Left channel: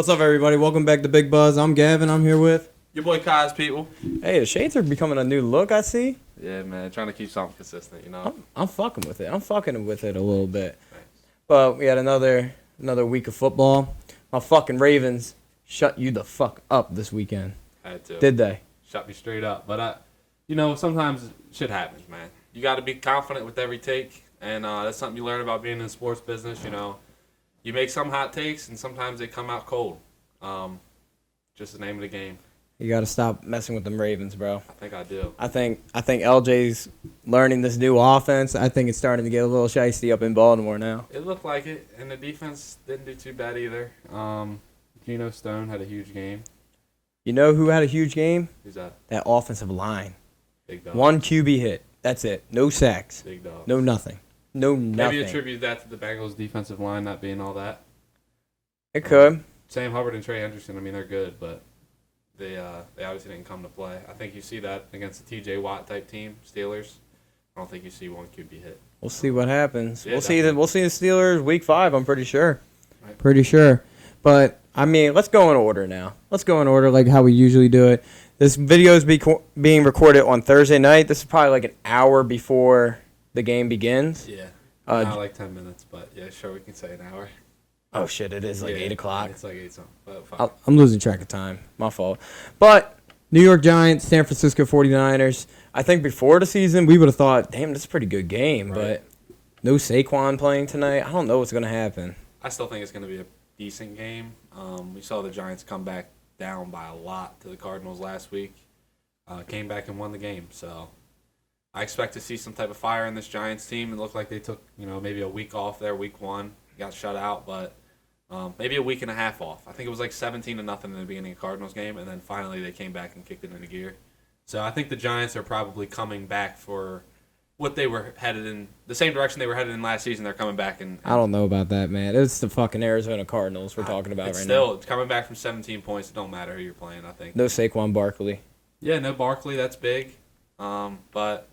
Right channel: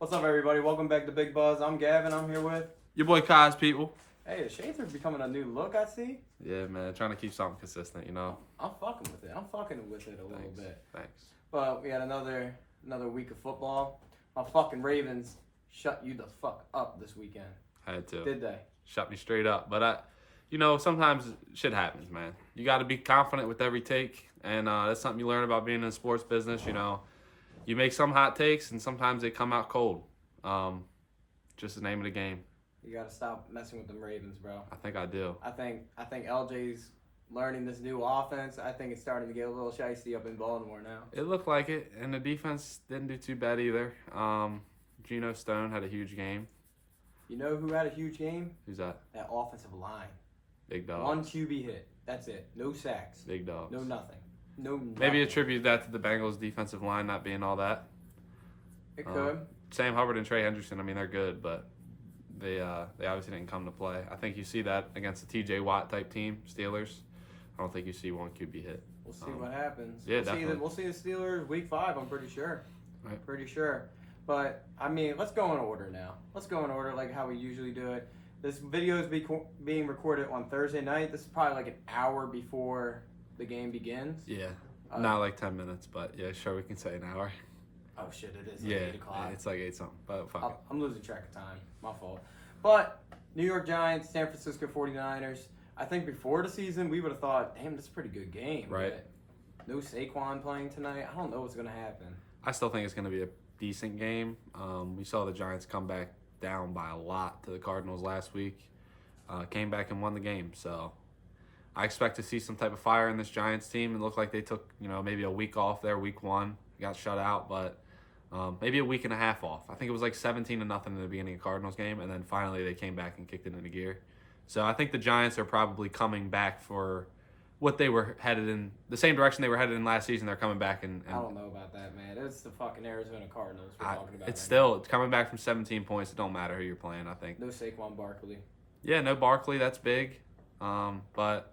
What's up, everybody? Welcome back to Big Buzz. I'm Gavin. I'm here with... Your boy Kai's people. Hey, the shades are becoming a new look, I see. Yeah, man. Trying to keep something consistent, you know? I'm fucking with it. I'm fucking with it a little bit. Thanks. But we had another week of football. My fucking Ravens shut you the fuck up this weekend. Had to. Did they? Shut me straight up. But, sometimes shit happens, man. You got to be confident with every take. And that's something you learn about being in the sports business, you know. You make some hot takes, and sometimes they come out cold. Just the name of the game. You got to stop messing with them Ravens, bro. I think I do. I think LJ's learning this new offense. I think it's starting to get a little shiesty up in Baltimore now. It looked like it, and the defense didn't do too bad either. Geno Stone had a huge game. You know who had a huge game? Who's that? That offensive line. Big dog. One QB hit. That's it. No sacks. Big dog. No nothing. No nothing. Maybe attribute that to the Bengals' defensive line not being all that. It could. Sam Hubbard and Trey Henderson, I mean, they're good, but they obviously didn't come to play. I think you see that against the T.J. Watt type team, Steelers. I don't think you see one QB hit. We'll see what happens. Yeah, We'll see the Steelers week 5. I'm pretty sure. Right. Pretty sure. But I mean, let's go in order now. Let's go in order like how we usually do it. This video is being recorded on Thursday night. This is probably like an hour before the game begins. Yeah, not like 10 minutes, but yeah, sure, we can say an hour. Oh shit! It is like 8 o'clock. It's like 8 something. But fuck. I'm losing track of time. My fault. But New York Giants, San Francisco 49ers. I think before the season we would have thought, damn, this is a pretty good game. Right. But no Saquon playing tonight. I don't know what's gonna happen. I still think it's going to be a decent game. We saw the Giants come back down by a lot to the Cardinals last week. Came back and won the game, so I expect to see some type of fire in this Giants team. It looked like they took, maybe a week off there, week 1, got shut out, but maybe a week and a half off. I think it was like 17-0 in the beginning of the Cardinals game, and then finally they came back and kicked it into gear. So I think the Giants are probably coming back for what they were headed in, the same direction they were headed in last season. They're coming back and I don't know about that, man. It's the fucking Arizona Cardinals we're talking about right now. It's coming back from 17 points. It don't matter who you're playing, I think. No Saquon Barkley. Yeah, no Barkley. That's big. But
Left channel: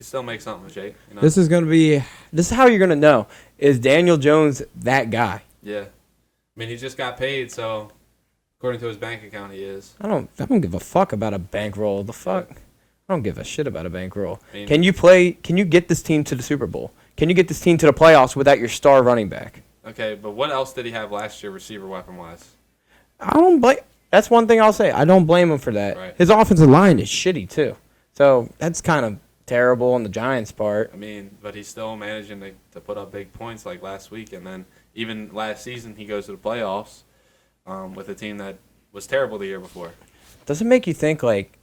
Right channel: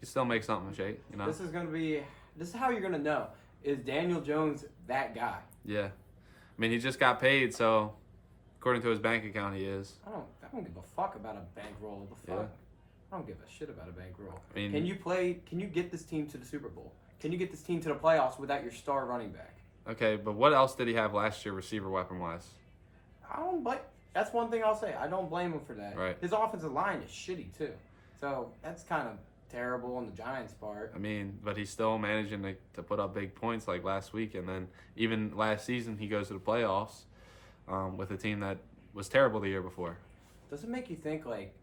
you still make something, Jake. You know? This is how you're gonna know. Is Daniel Jones that guy? Yeah. I mean, he just got paid, so according to his bank account, he is. I don't give a fuck about a bankroll. The fuck? Yeah. I don't give a shit about a bankroll. I mean, Can you get this team to the Super Bowl? Can you get this team to the playoffs without your star running back? okay, but what else did he have last year, receiver weapon-wise? I don't blame. That's one thing I'll say. I don't blame him for that. Right. His offensive line is shitty too. So that's kind of terrible on the Giants' part. I mean, but he's still managing to put up big points like last week, and then even last season he goes to the playoffs with a team that was terrible the year before. Does it make you think like,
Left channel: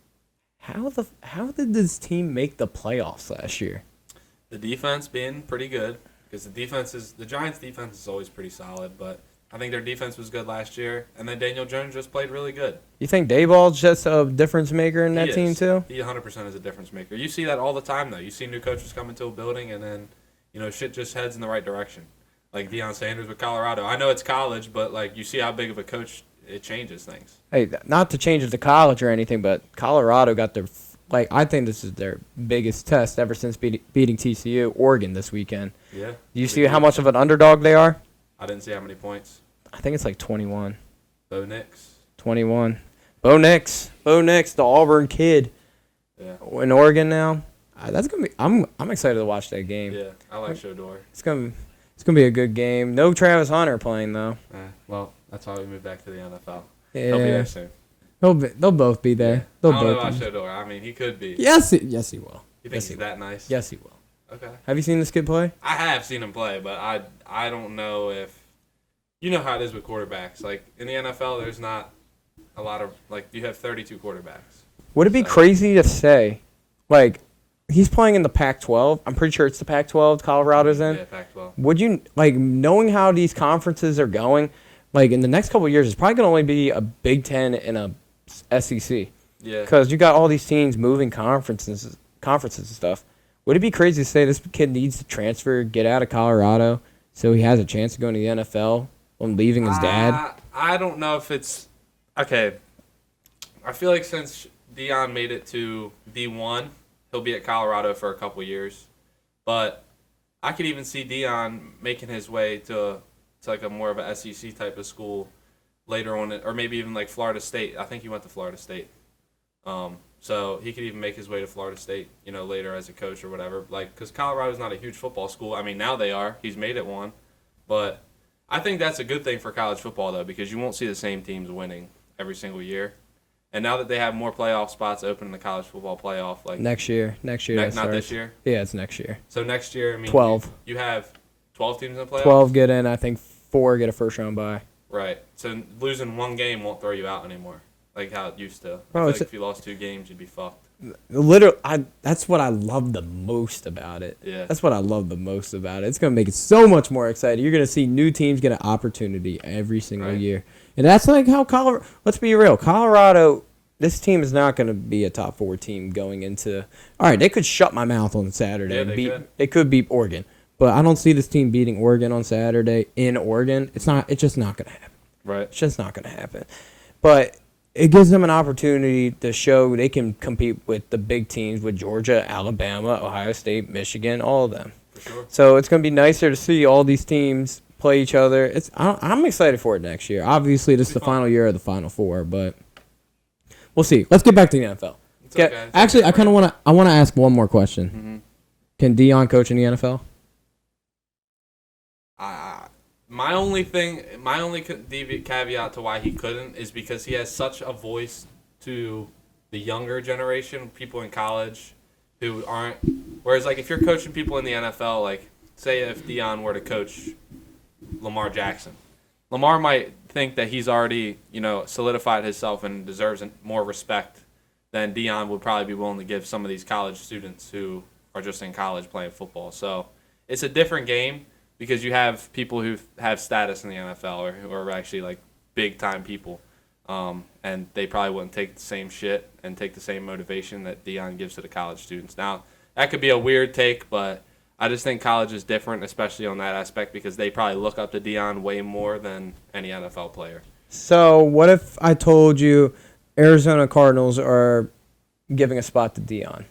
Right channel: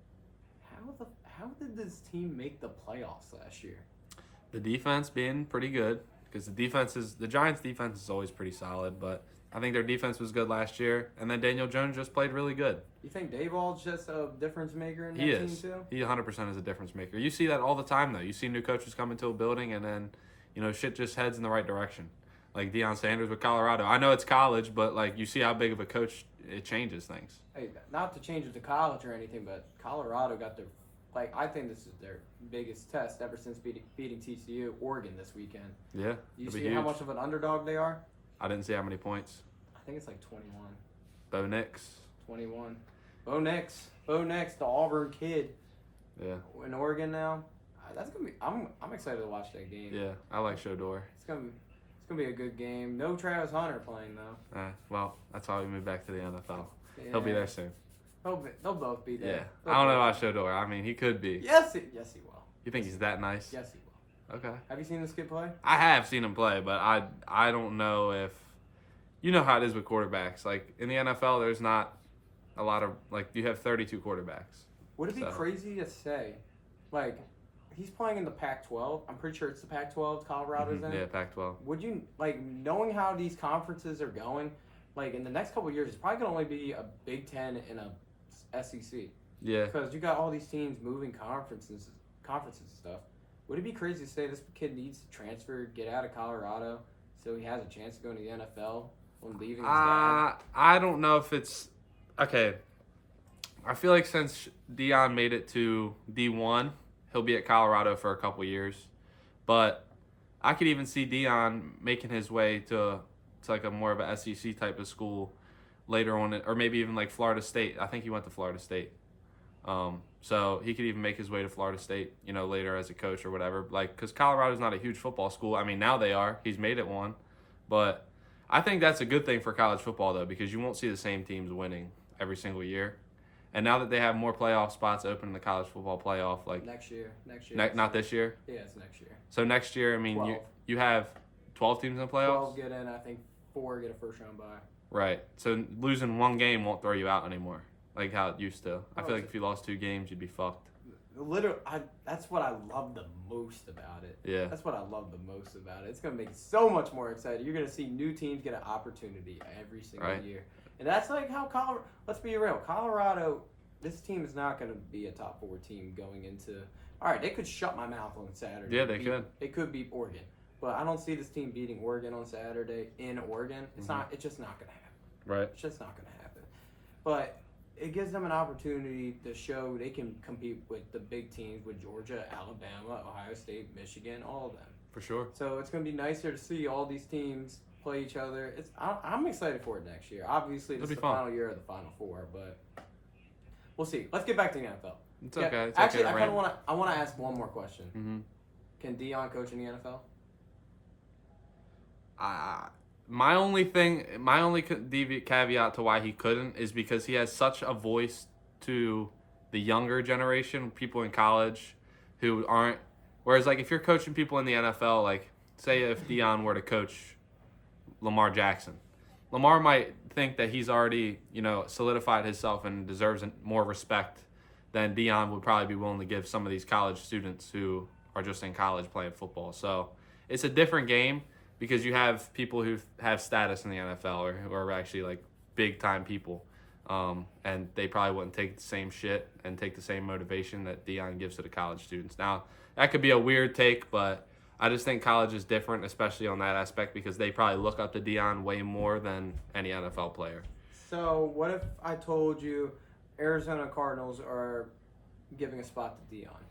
how did this team make the playoffs last year? The defense being pretty good, because the Giants' defense is always pretty solid, but I think their defense was good last year, and then Daniel Jones just played really good. You think Dayball's just a difference maker in that He team is. too? He 100% is a difference maker. You see that all the time, though. You see new coaches come into a building, and then, shit just heads in the right direction. Like Deion Sanders with Colorado. I know it's college, but, like, you see how big of a coach it changes things. Hey, not to change it to college or anything, but Colorado got their I think this is their biggest test ever since beating TCU, Oregon this weekend. Yeah. Do you see how much of an underdog they are? I didn't see how many points. I think it's like 21. Bo Nix. 21. Bo Nix, the Auburn kid Yeah. in Oregon now. That's gonna be. I'm excited to watch that game. Yeah, I like Shador. It's gonna be a good game. No Travis Hunter playing though. Well, that's why we moved back to the NFL. Yeah, He'll be there soon. they'll both be there. Yeah. They'll I don't know both about be. Shador. I mean, he could be. Yes, he will. You think Yes, he's he will. that nice? Yes, he will. Okay. Have you seen this kid play? I have seen him play, but I don't know if you know how it is with quarterbacks. Like in the NFL, there's not a lot of you have 32 quarterbacks. Would it be crazy to say, like, he's playing in the Pac-12? I'm pretty sure it's the Pac-12 Colorado's in. Yeah, Pac-12. Would you, knowing how these conferences are going, in the next couple of years, it's probably going to only be a Big Ten and a SEC. Yeah. Because you got all these teams moving conferences and stuff. Would it be crazy to say this kid needs to transfer, get out of Colorado, so he has a chance to go into the NFL when leaving his dad? I don't know if it's okay. I feel like since Deion made it to D1, he'll be at Colorado for a couple years. But I could even see Deion making his way to like a more of a SEC type of school later on, or maybe even like Florida State. I think he went to Florida State. So he could even make his way to Florida State, later as a coach or whatever. Like, because Colorado's not a huge football school. I mean, now they are. He's made it one. But I think that's a good thing for college football, though, because you won't see the same teams winning every single year. And now that they have more playoff spots open in the college football playoff, like next year, not this year. Yeah, it's next year. So next year, I mean, 12. You have 12 teams in playoffs. 12 get in. I think 4 get a first round bye. Right. So losing one game won't throw you out anymore, like how it used to. Bro, I feel like if you lost 2 games, you'd be fucked. Literally, that's what I love the most about it. Yeah. That's what I love the most about it. It's going to make it so much more exciting. You're going to see new teams get an opportunity every single year. And that's like how Colorado, let's be real, Colorado, this team is not going to be a top 4 team going into, all right, they could shut my mouth on Saturday. Yeah, they could beat Oregon. But I don't see this team beating Oregon on Saturday in Oregon. It's just not going to happen. Right. It's just not going to happen. But it gives them an opportunity to show they can compete with the big teams, with Georgia, Alabama, Ohio State, Michigan, all of them. For sure. So it's going to be nicer to see all these teams play each other. I'm excited for it next year. Obviously, this is the final year of the Final Four, but we'll see. Let's get back to the NFL. Actually, I kind of want to ask one more question. Mm-hmm. Can Deion coach in the NFL? My only caveat to why he couldn't is because he has such a voice to the younger generation, people in college who aren't. Whereas, like, if you're coaching people in the NFL, like, say if Deion were to coach Lamar Jackson, Lamar might think that he's already, solidified himself and deserves more respect than Deion would probably be willing to give some of these college students who are just in college playing football. So it's a different game. Because you have people who have status in the NFL or who are actually like big time people, and they probably wouldn't take the same shit and take the same motivation that Deion gives to the college students. Now that could be a weird take, but I just think college is different, especially on that aspect, because they probably look up to Deion way more than any NFL player. So what if I told you Arizona Cardinals are giving a spot to Deion,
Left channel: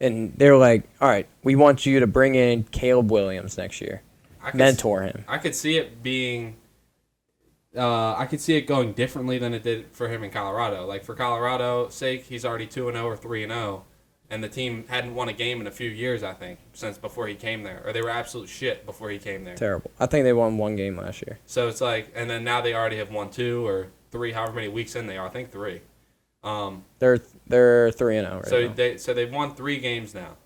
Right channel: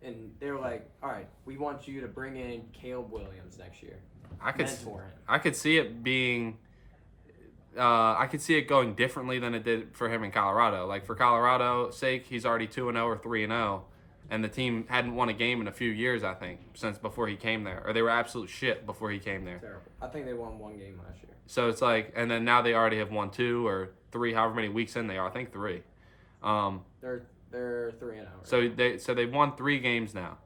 and they're like, all right, we want you to bring in Caleb Williams next year. Mentor him. I could see it being. I could see it going differently than it did for him in Colorado. Like for Colorado's sake, he's already 2-0 or 3-0, and the team hadn't won a game in a few years. I think since before he came there, or they were absolute shit before he came there. Terrible. I think they won 1 game last year. So it's like, and then now they already have won 2 or 3, however many weeks in they are. I think 3. They're 3-0 right now. So they've won 3 games now.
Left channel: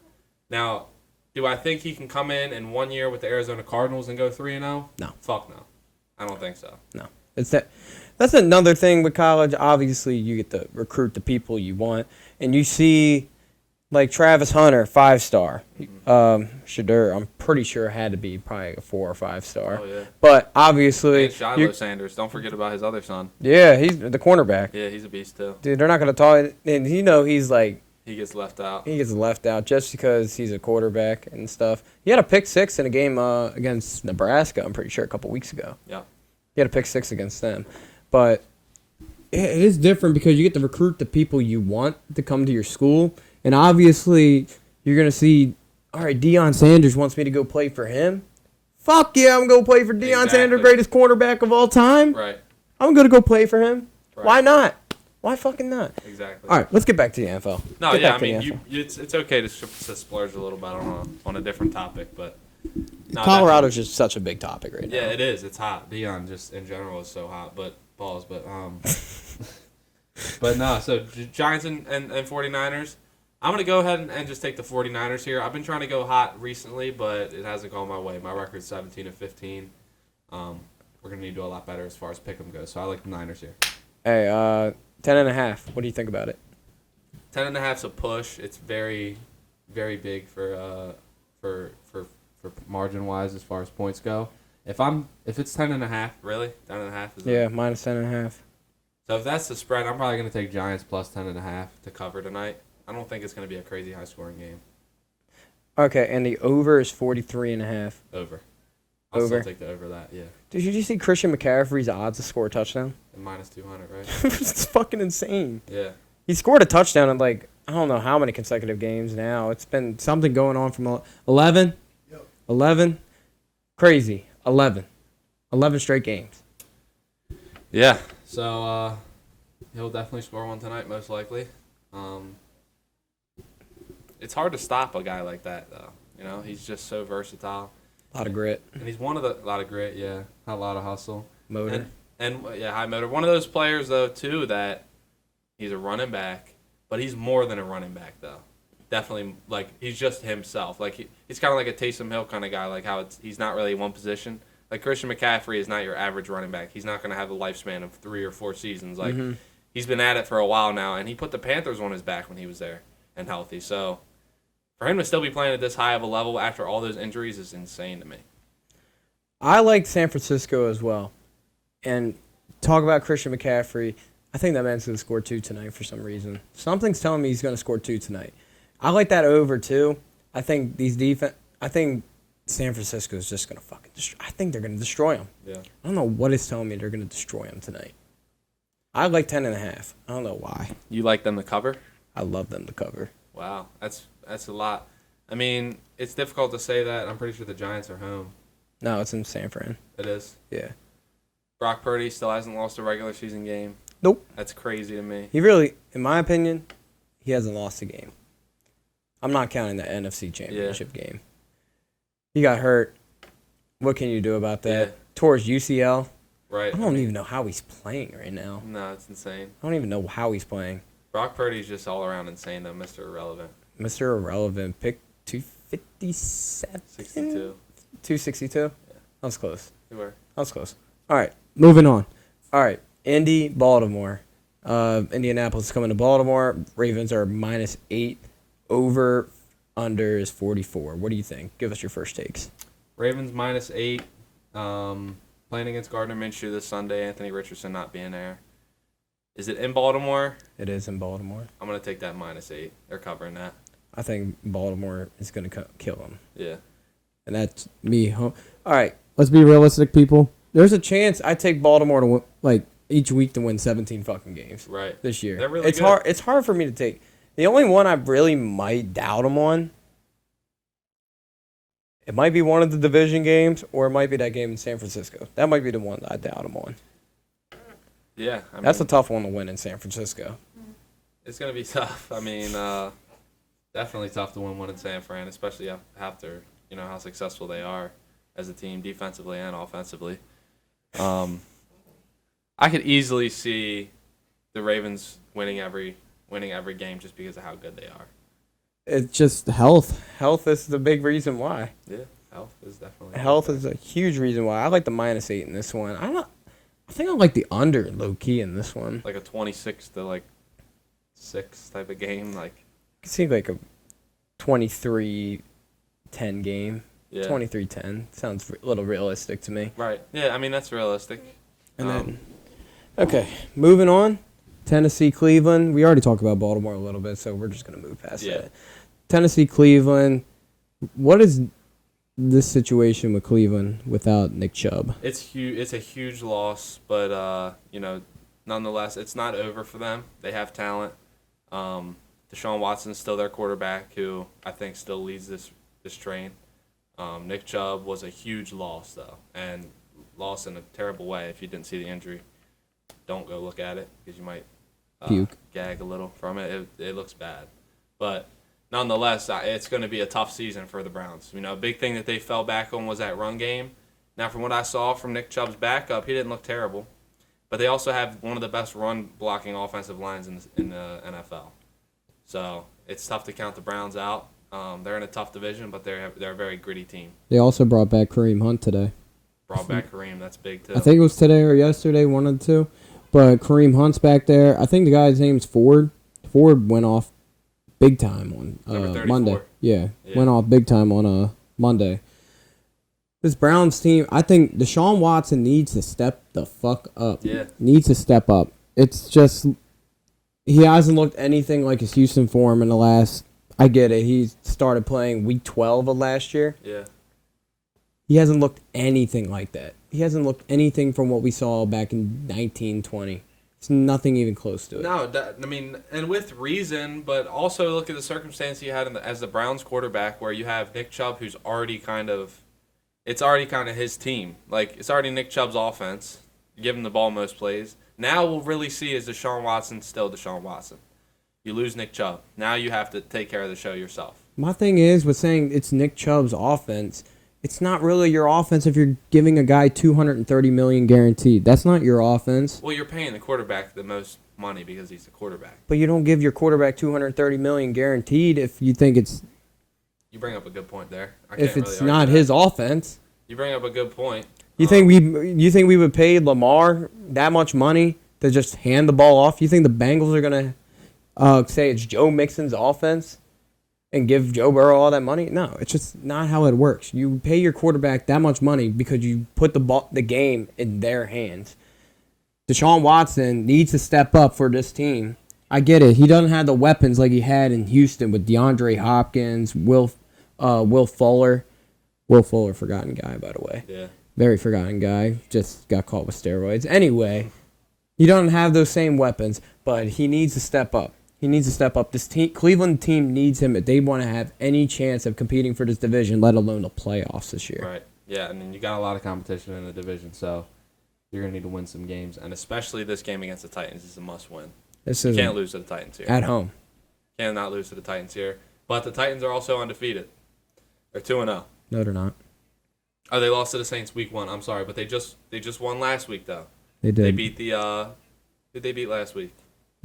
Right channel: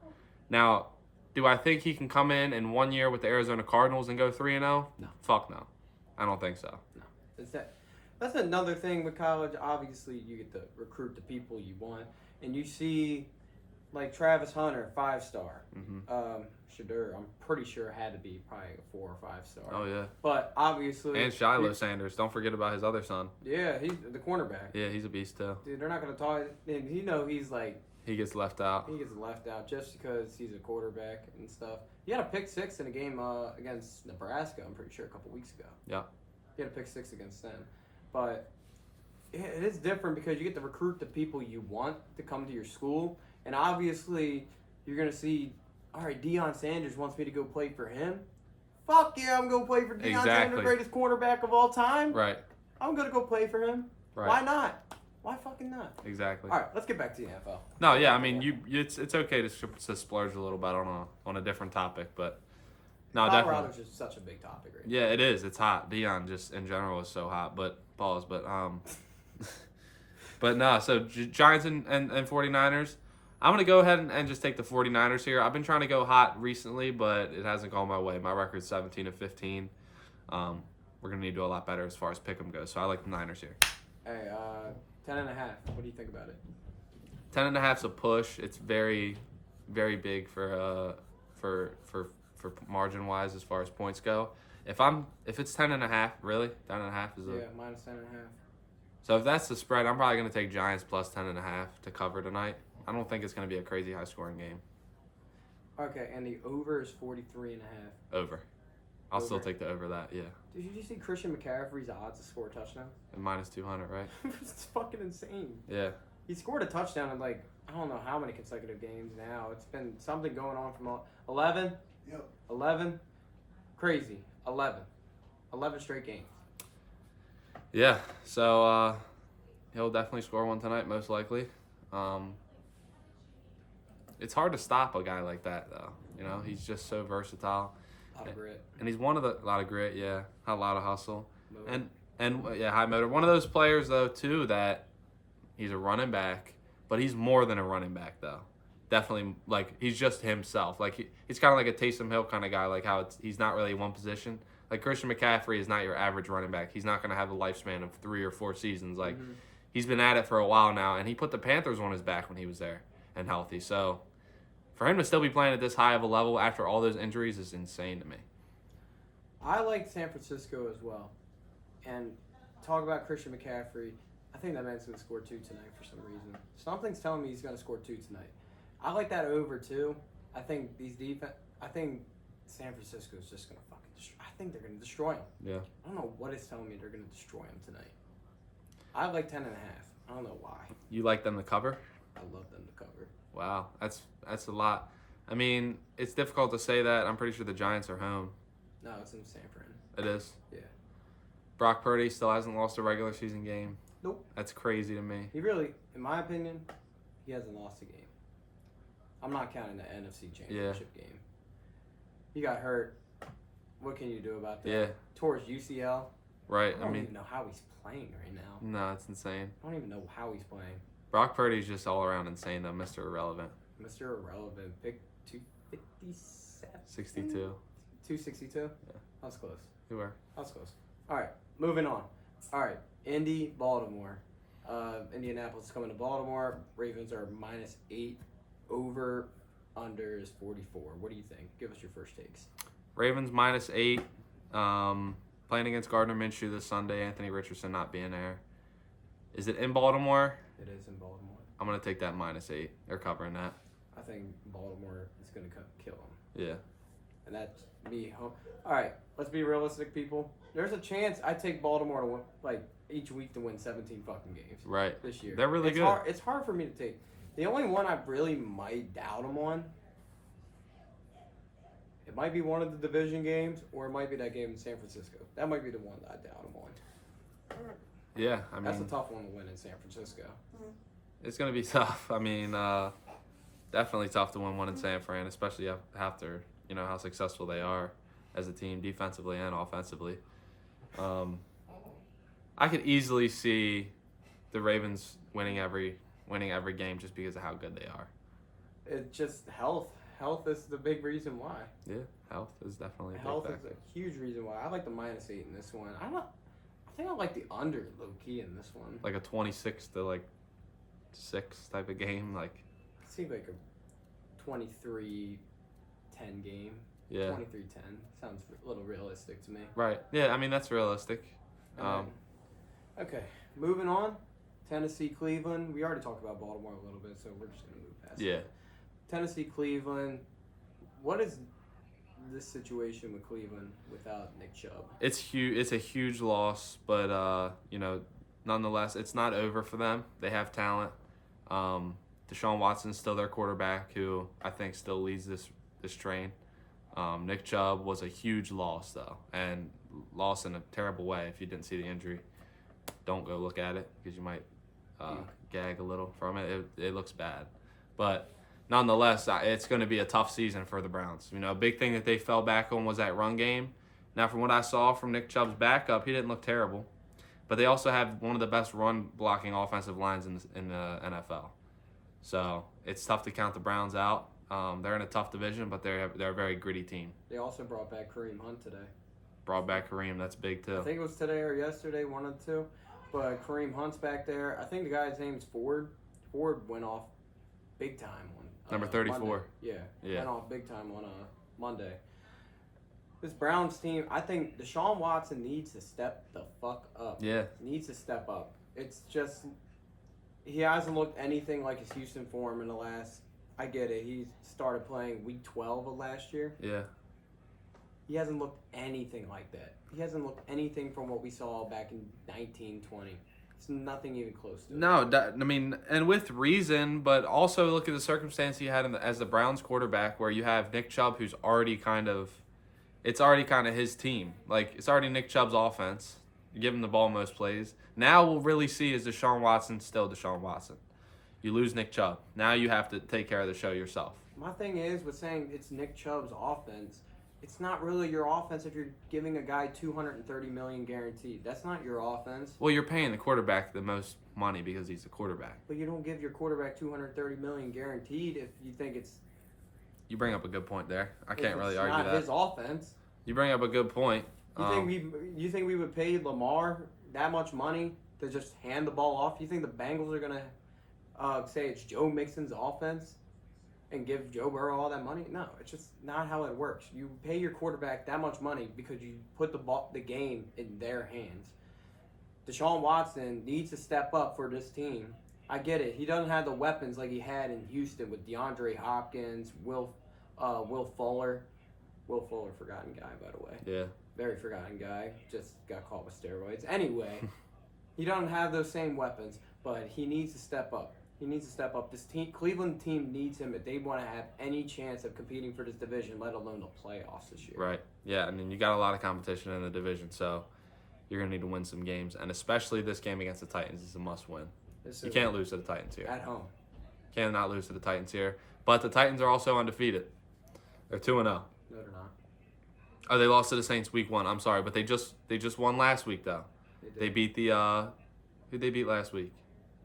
Now. Do I think he can come in 1 year with the Arizona Cardinals and go 3-0? No. Fuck no. I don't think so. No. That's another thing with college. Obviously, you get to recruit the people you want. And you see, like, Travis Hunter, 5-star. Mm-hmm. Shadur, I'm pretty sure had to be probably a 4 or 5-star. Oh, yeah. But obviously... And Shiloh Sanders. Don't forget about his other son. Yeah, he's the cornerback. Yeah, he's a beast, too. Dude, they're not going to talk... And he's like... He gets left out. He gets left out just because he's a quarterback and stuff. He had a pick 6 in a game against Nebraska, I'm pretty sure, a couple weeks ago. Yeah. He had a pick 6 against them. But it is different because you get to recruit the people you want to come to your school. And obviously, you're going to see, all right, Deion Sanders wants me to go play for him. Fuck yeah, I'm going to play for Deion Sanders, greatest quarterback of all time. Right. I'm going to go play for him. Right. Why not? Why fucking not? Exactly. All right, let's get back to the NFL. No, yeah, I mean, it's okay to splurge a little bit on a different topic, but no, Colorado's just such a big topic right now. Yeah, it is. It's hot. Deion just in general is so hot. But pause. But no. So Giants and 49ers. I'm gonna go ahead and just take the 49ers here. I've been trying to go hot recently, but it hasn't gone my way. My record's 17-15. We're gonna need to do a lot better as far as pick'em goes. So I like the Niners here. Hey, 10.5. What do you think about it? 10.5's a push. It's very, very big for margin wise as far as points go. If it's 10.5, really 10.5 is yeah, minus 10.5. So if that's the spread, I'm probably gonna take Giants plus 10.5 to cover tonight. I don't think it's gonna be a crazy high scoring game. Okay, and the over is 43.5. Over. I'll still take the over that. Yeah. Did you see Christian McCaffrey's odds to score a touchdown? And minus 200, right? It's fucking insane. Yeah. He scored a touchdown in like I don't know how many consecutive games now. It's been something going on from 11. Yep. 11. Crazy. 11 straight games. Yeah. So he'll definitely score one tonight, most likely. It's hard to stop a guy like that, though. You know, he's just so versatile. A lot of grit. And he's one of the lot of grit, yeah, a lot of hustle, Motor. and yeah, high motor. One of those players though too that he's a running back, but he's more than a running back though. Definitely, like he's just himself. Like he's kind of like a Taysom Hill kind of guy. Like how he's not really one position. Like Christian McCaffrey is not your average running back. He's not going to have the lifespan of 3 or 4 seasons. Like he's been at it for a while now, and he put the Panthers on his back when he was there and healthy. So for him to still be playing at this high of a level after all those injuries is insane to me. I like San Francisco as well. And talk about Christian McCaffrey. I think that man's going to score 2 tonight for some reason. Something's telling me he's going to score 2 tonight. I like that over, too. I think I think San Francisco is just going to fucking destroy. I think they're going to destroy them. Yeah. I don't know what is telling me they're going to destroy them tonight. I like 10.5. I don't know why. You like them to cover? I love them to cover. Wow, that's a lot. I mean, it's difficult to say that. I'm pretty sure the Giants are home. No, it's in San Fran. It is. Yeah. Brock Purdy still hasn't lost a regular season game. Nope. That's crazy to me. He really, in my opinion, he hasn't lost a game. I'm not counting the NFC Championship game. He got hurt. What can you do about that? Yeah. Tore his UCL. Right. I don't even know how he's playing right now. No, it's insane. I don't even know how he's playing. Brock Purdy's just all around insane, though. Mr. Irrelevant. Mr. Irrelevant. Pick 257? 62. 262? Yeah. That was close. You were. That was close. All right, moving on. All right, Indy, Baltimore. Indianapolis is coming to Baltimore. Ravens are -8. Over, under is 44. What do you think? Give us your first takes. Ravens -8. Playing against Gardner Minshew this Sunday. Anthony Richardson not being there. Is it in Baltimore? It is in Baltimore. I'm going to take that -8. They're covering that. I think Baltimore is going to kill them. Yeah. And that's me. All right, let's be realistic, people. There's a chance I take Baltimore to win, like each week to win 17 fucking games. Right. This year. They're really it's good. hard. It's hard for me to take. The only one I really might doubt them on. It might be one of the division games, or it might be that game in San Francisco. That might be the one that I doubt them on. Yeah. That's a tough one to win in San Francisco. It's going to be tough. I mean, definitely tough to win one in San Fran, especially after, how successful they are as a team defensively and offensively. I could easily see the Ravens winning every game just because of how good they are. It's just health. Health is the big reason why. Yeah, health is definitely. Health is a huge reason why. I like the -8 in this one. I think I like the under low key in this one. Like a 26 to 6 type of game, like. It seems like a 23-10 game. Yeah. 23-10 sounds a little realistic to me. Right. Yeah, I mean that's realistic. And then, okay, moving on. Tennessee, Cleveland. We already talked about Baltimore a little bit, so we're just gonna move past that. Tennessee, Cleveland. What is this situation with Cleveland without Nick Chubb? It's huge. It's a huge loss, but nonetheless, it's not over for them. They have talent. Deshaun Watson's still their quarterback, who I think still leads this train. Nick Chubb was a huge loss, though, and lost in a terrible way. If you didn't see the injury, don't go look at it because you might gag a little from it. It looks bad. But nonetheless, it's going to be a tough season for the Browns. A big thing that they fell back on was that run game. Now, from what I saw from Nick Chubb's backup, he didn't look terrible. But they also have one of the best run-blocking offensive lines in the NFL. So it's tough to count the Browns out. They're in a tough division, but they're a very gritty team. They also brought back Kareem Hunt today. Brought back Kareem, that's big too. I think it was today or yesterday, one of the two. But Kareem Hunt's back there. I think the guy's name's Ford. Ford went off big time on Monday. Yeah, went off big time on Monday. This Browns team, I think Deshaun Watson needs to step the fuck up. Yeah. Needs to step up. It's just, he hasn't looked anything like his Houston form in the last, I get it. He started playing week 12 of last year. Yeah. He hasn't looked anything like that. He hasn't looked anything from what we saw back in 1920. It's nothing even close to it. No, and with reason, but also look at the circumstance he had as the Browns quarterback, where you have Nick Chubb, who's already it's already kind of his team. Like, it's already Nick Chubb's offense. You give him the ball most plays. Now we'll really see is Deshaun Watson still Deshaun Watson. You lose Nick Chubb. Now you have to take care of the show yourself. My thing is with saying it's Nick Chubb's offense, it's not really your offense if you're giving a guy $230 million guaranteed. That's not your offense. Well, you're paying the quarterback the most money because he's the quarterback. But you don't give your quarterback $230 million guaranteed if you think it's You bring up a good point there. if it's not his offense. You bring up a good point. You think we would pay Lamar that much money to just hand the ball off? You think the Bengals are gonna say it's Joe Mixon's offense and give Joe Burrow all that money? No, it's just not how it works. You pay your quarterback that much money because you put the game in their hands. Deshaun Watson needs to step up for this team. I get it. He doesn't have the weapons like he had in Houston with DeAndre Hopkins, Will Fuller. Will Fuller, forgotten guy, by the way. Yeah. Very forgotten guy. Just got caught with steroids. Anyway, he doesn't have those same weapons, but he needs to step up. He needs to step up. This Cleveland team needs him if they want to have any chance of competing for this division, let alone the playoffs this year. Right. Yeah, and then you got a lot of competition in the division, so you're going to need to win some games, and especially this game against the Titans is a must-win. You can't lose to the Titans here. At home. Cannot lose to the Titans here. But the Titans are also undefeated. They're 2-0. No, they're not. Oh, they lost to the Saints week 1. I'm sorry, but they just won last week, though. They did. They beat who'd they beat last week?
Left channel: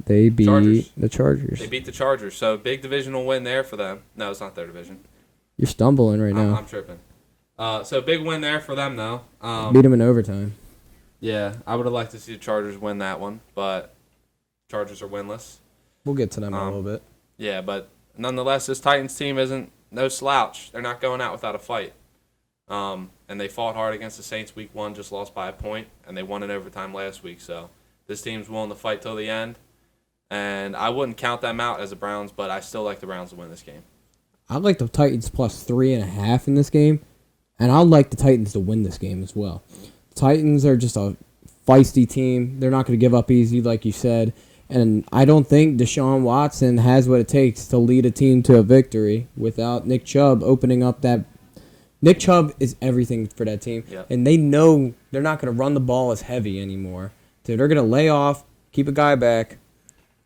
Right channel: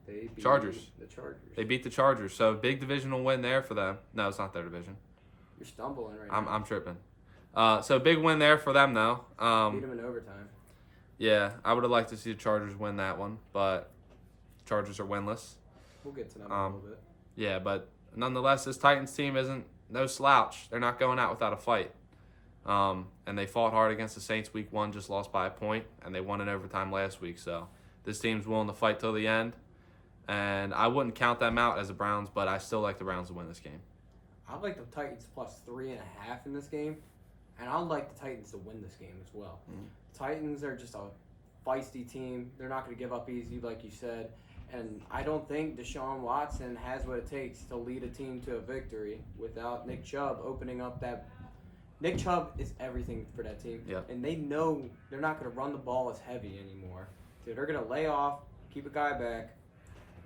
They beat Chargers. the Chargers. They beat the Chargers, so big divisional win there for them. No, it's not their division. You're stumbling right now. I'm tripping. So big win there for them, though. Beat them in overtime. Yeah, I would have liked to see the Chargers win that one, but Chargers are winless. We'll get to them in a little bit. Yeah, but nonetheless, this Titans team isn't no slouch. They're not going out without a fight. And they fought hard against the Saints week 1, just lost by a point, and they won in overtime last week. So this team's willing to fight till the end. And I wouldn't count them out as the Browns, but I still like the Browns to win this game. I'd like the Titans plus 3.5 in this game, and I'd like the Titans to win this game as well. Titans are just a feisty team. They're not going to give up easy, like you said. And I don't think Deshaun Watson has what it takes to lead a team to a victory without Nick Chubb opening up that. Nick Chubb is everything for that team. Yep. And they know they're not going to run the ball as heavy anymore. So they're going to lay off, keep a guy back,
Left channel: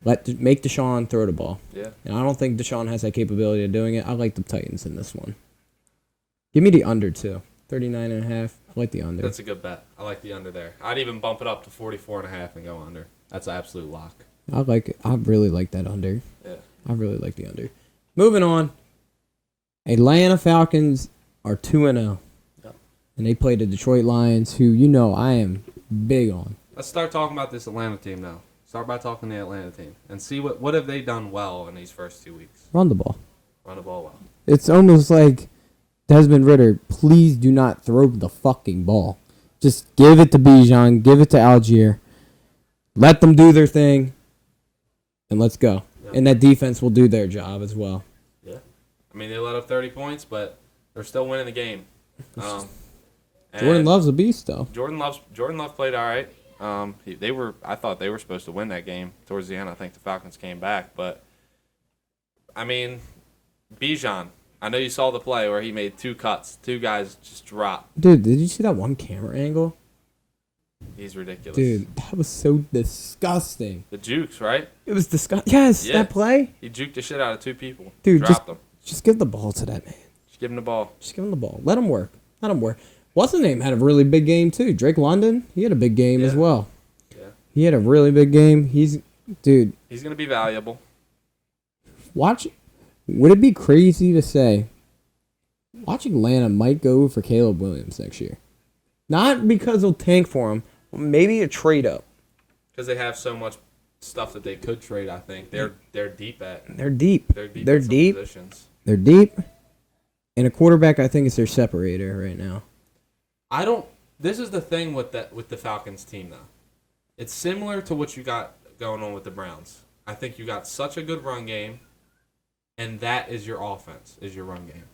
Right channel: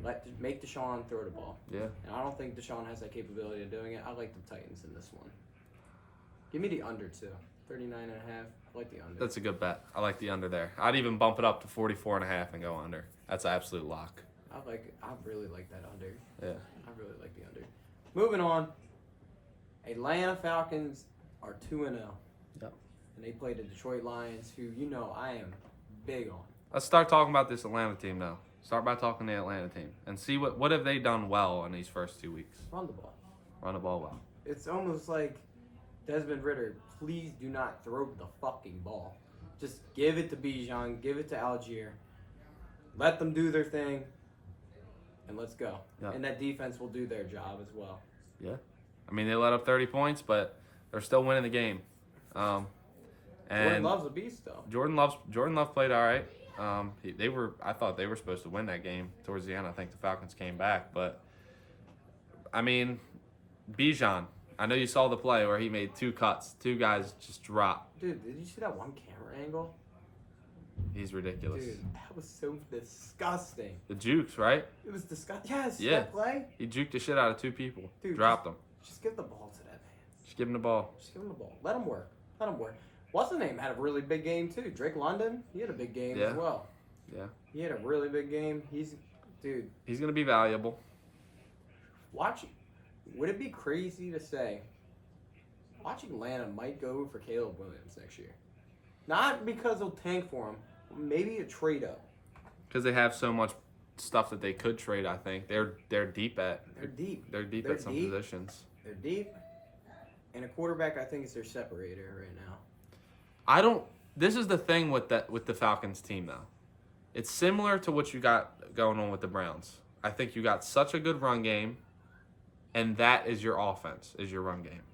make Deshaun throw the ball. Yeah. And I don't think Deshaun has that capability of doing it. I like the Titans in this one. Give me the under, too. 39.5. I like the under. That's a good bet. I like the under there. I'd even bump it up to 44.5 and go under. That's an absolute lock. I like it. I really like that under. Yeah. I really like the under. Moving on. Atlanta Falcons are 2-0. Yep. And they play the Detroit Lions, who I am big on. Let's start talking about this Atlanta team now. Start by talking the Atlanta team and see what have they done well in these first 2 weeks. Run the ball. Run the ball well. It's almost like Desmond Ritter, please do not throw the fucking ball. Just give it to Bijan, give it to Algier. Let them do their thing, and let's go. Yeah. And that defense will do their job as well. Yeah. I mean, they let up 30 points, but they're still winning the game. Jordan Love's a beast, though. Jordan Love played all right. I thought they were supposed to win that game towards the end. I think the Falcons came back, but I mean, Bijan. I know you saw the play where he made 2 cuts. 2 guys just dropped. Dude, did you see that one camera angle? He's ridiculous. Dude, that was so disgusting. The jukes, right? It was disgusting. Yes, Yeah. that play. He juked the shit out of 2 people. Dude, dropped them. Just give the ball to that man. Just give him the ball. Just give him the ball. Let him work. What's his name had a really big game, too. Drake London, he had a big game as well. Yeah. He had a really big game. He's going to be valuable. Would it be crazy to say, watch Atlanta might go for Caleb Williams next year? Not because they'll tank for him, but maybe a trade up. Because they have so much stuff that they could trade, I think. They're deep at. They're deep. They're deep. Positions. They're deep. And a quarterback, I think, is their separator right now. This is the thing with the Falcons team, though. It's similar to what you got going on with the Browns. I think you got such a good run game, and that is your offense, is your run game.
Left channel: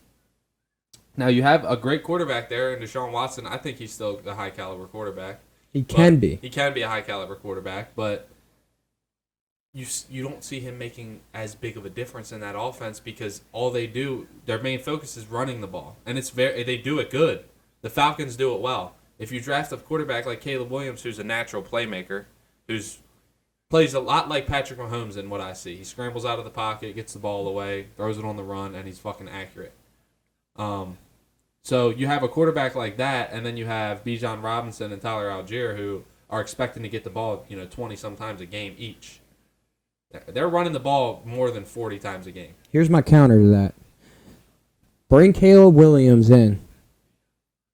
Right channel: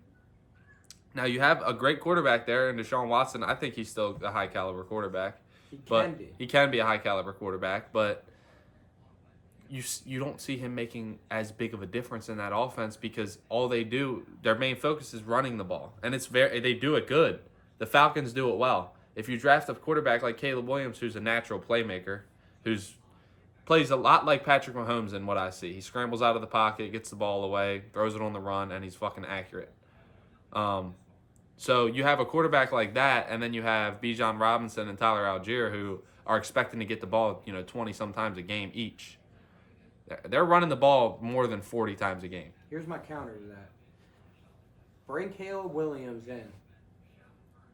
Now, you have a great quarterback there, and Deshaun Watson. I think he's still a high-caliber quarterback. He can be. He can be a high-caliber quarterback, but you don't see him making as big of a difference in that offense because all they do, their main focus is running the ball, and they do it good. The Falcons do it well. if you draft a quarterback like Caleb Williams, who's a natural playmaker, who's plays a lot like Patrick Mahomes in what I see. He scrambles out of the pocket, gets the ball away, throws it on the run, and he's fucking accurate. So you have a quarterback like that, and then you have Bijan Robinson and Tyler Algier who are expecting to get the ball, 20 sometimes a game each. They're running the ball more than 40 times a game. Here's my counter to that. Bring Caleb Williams in,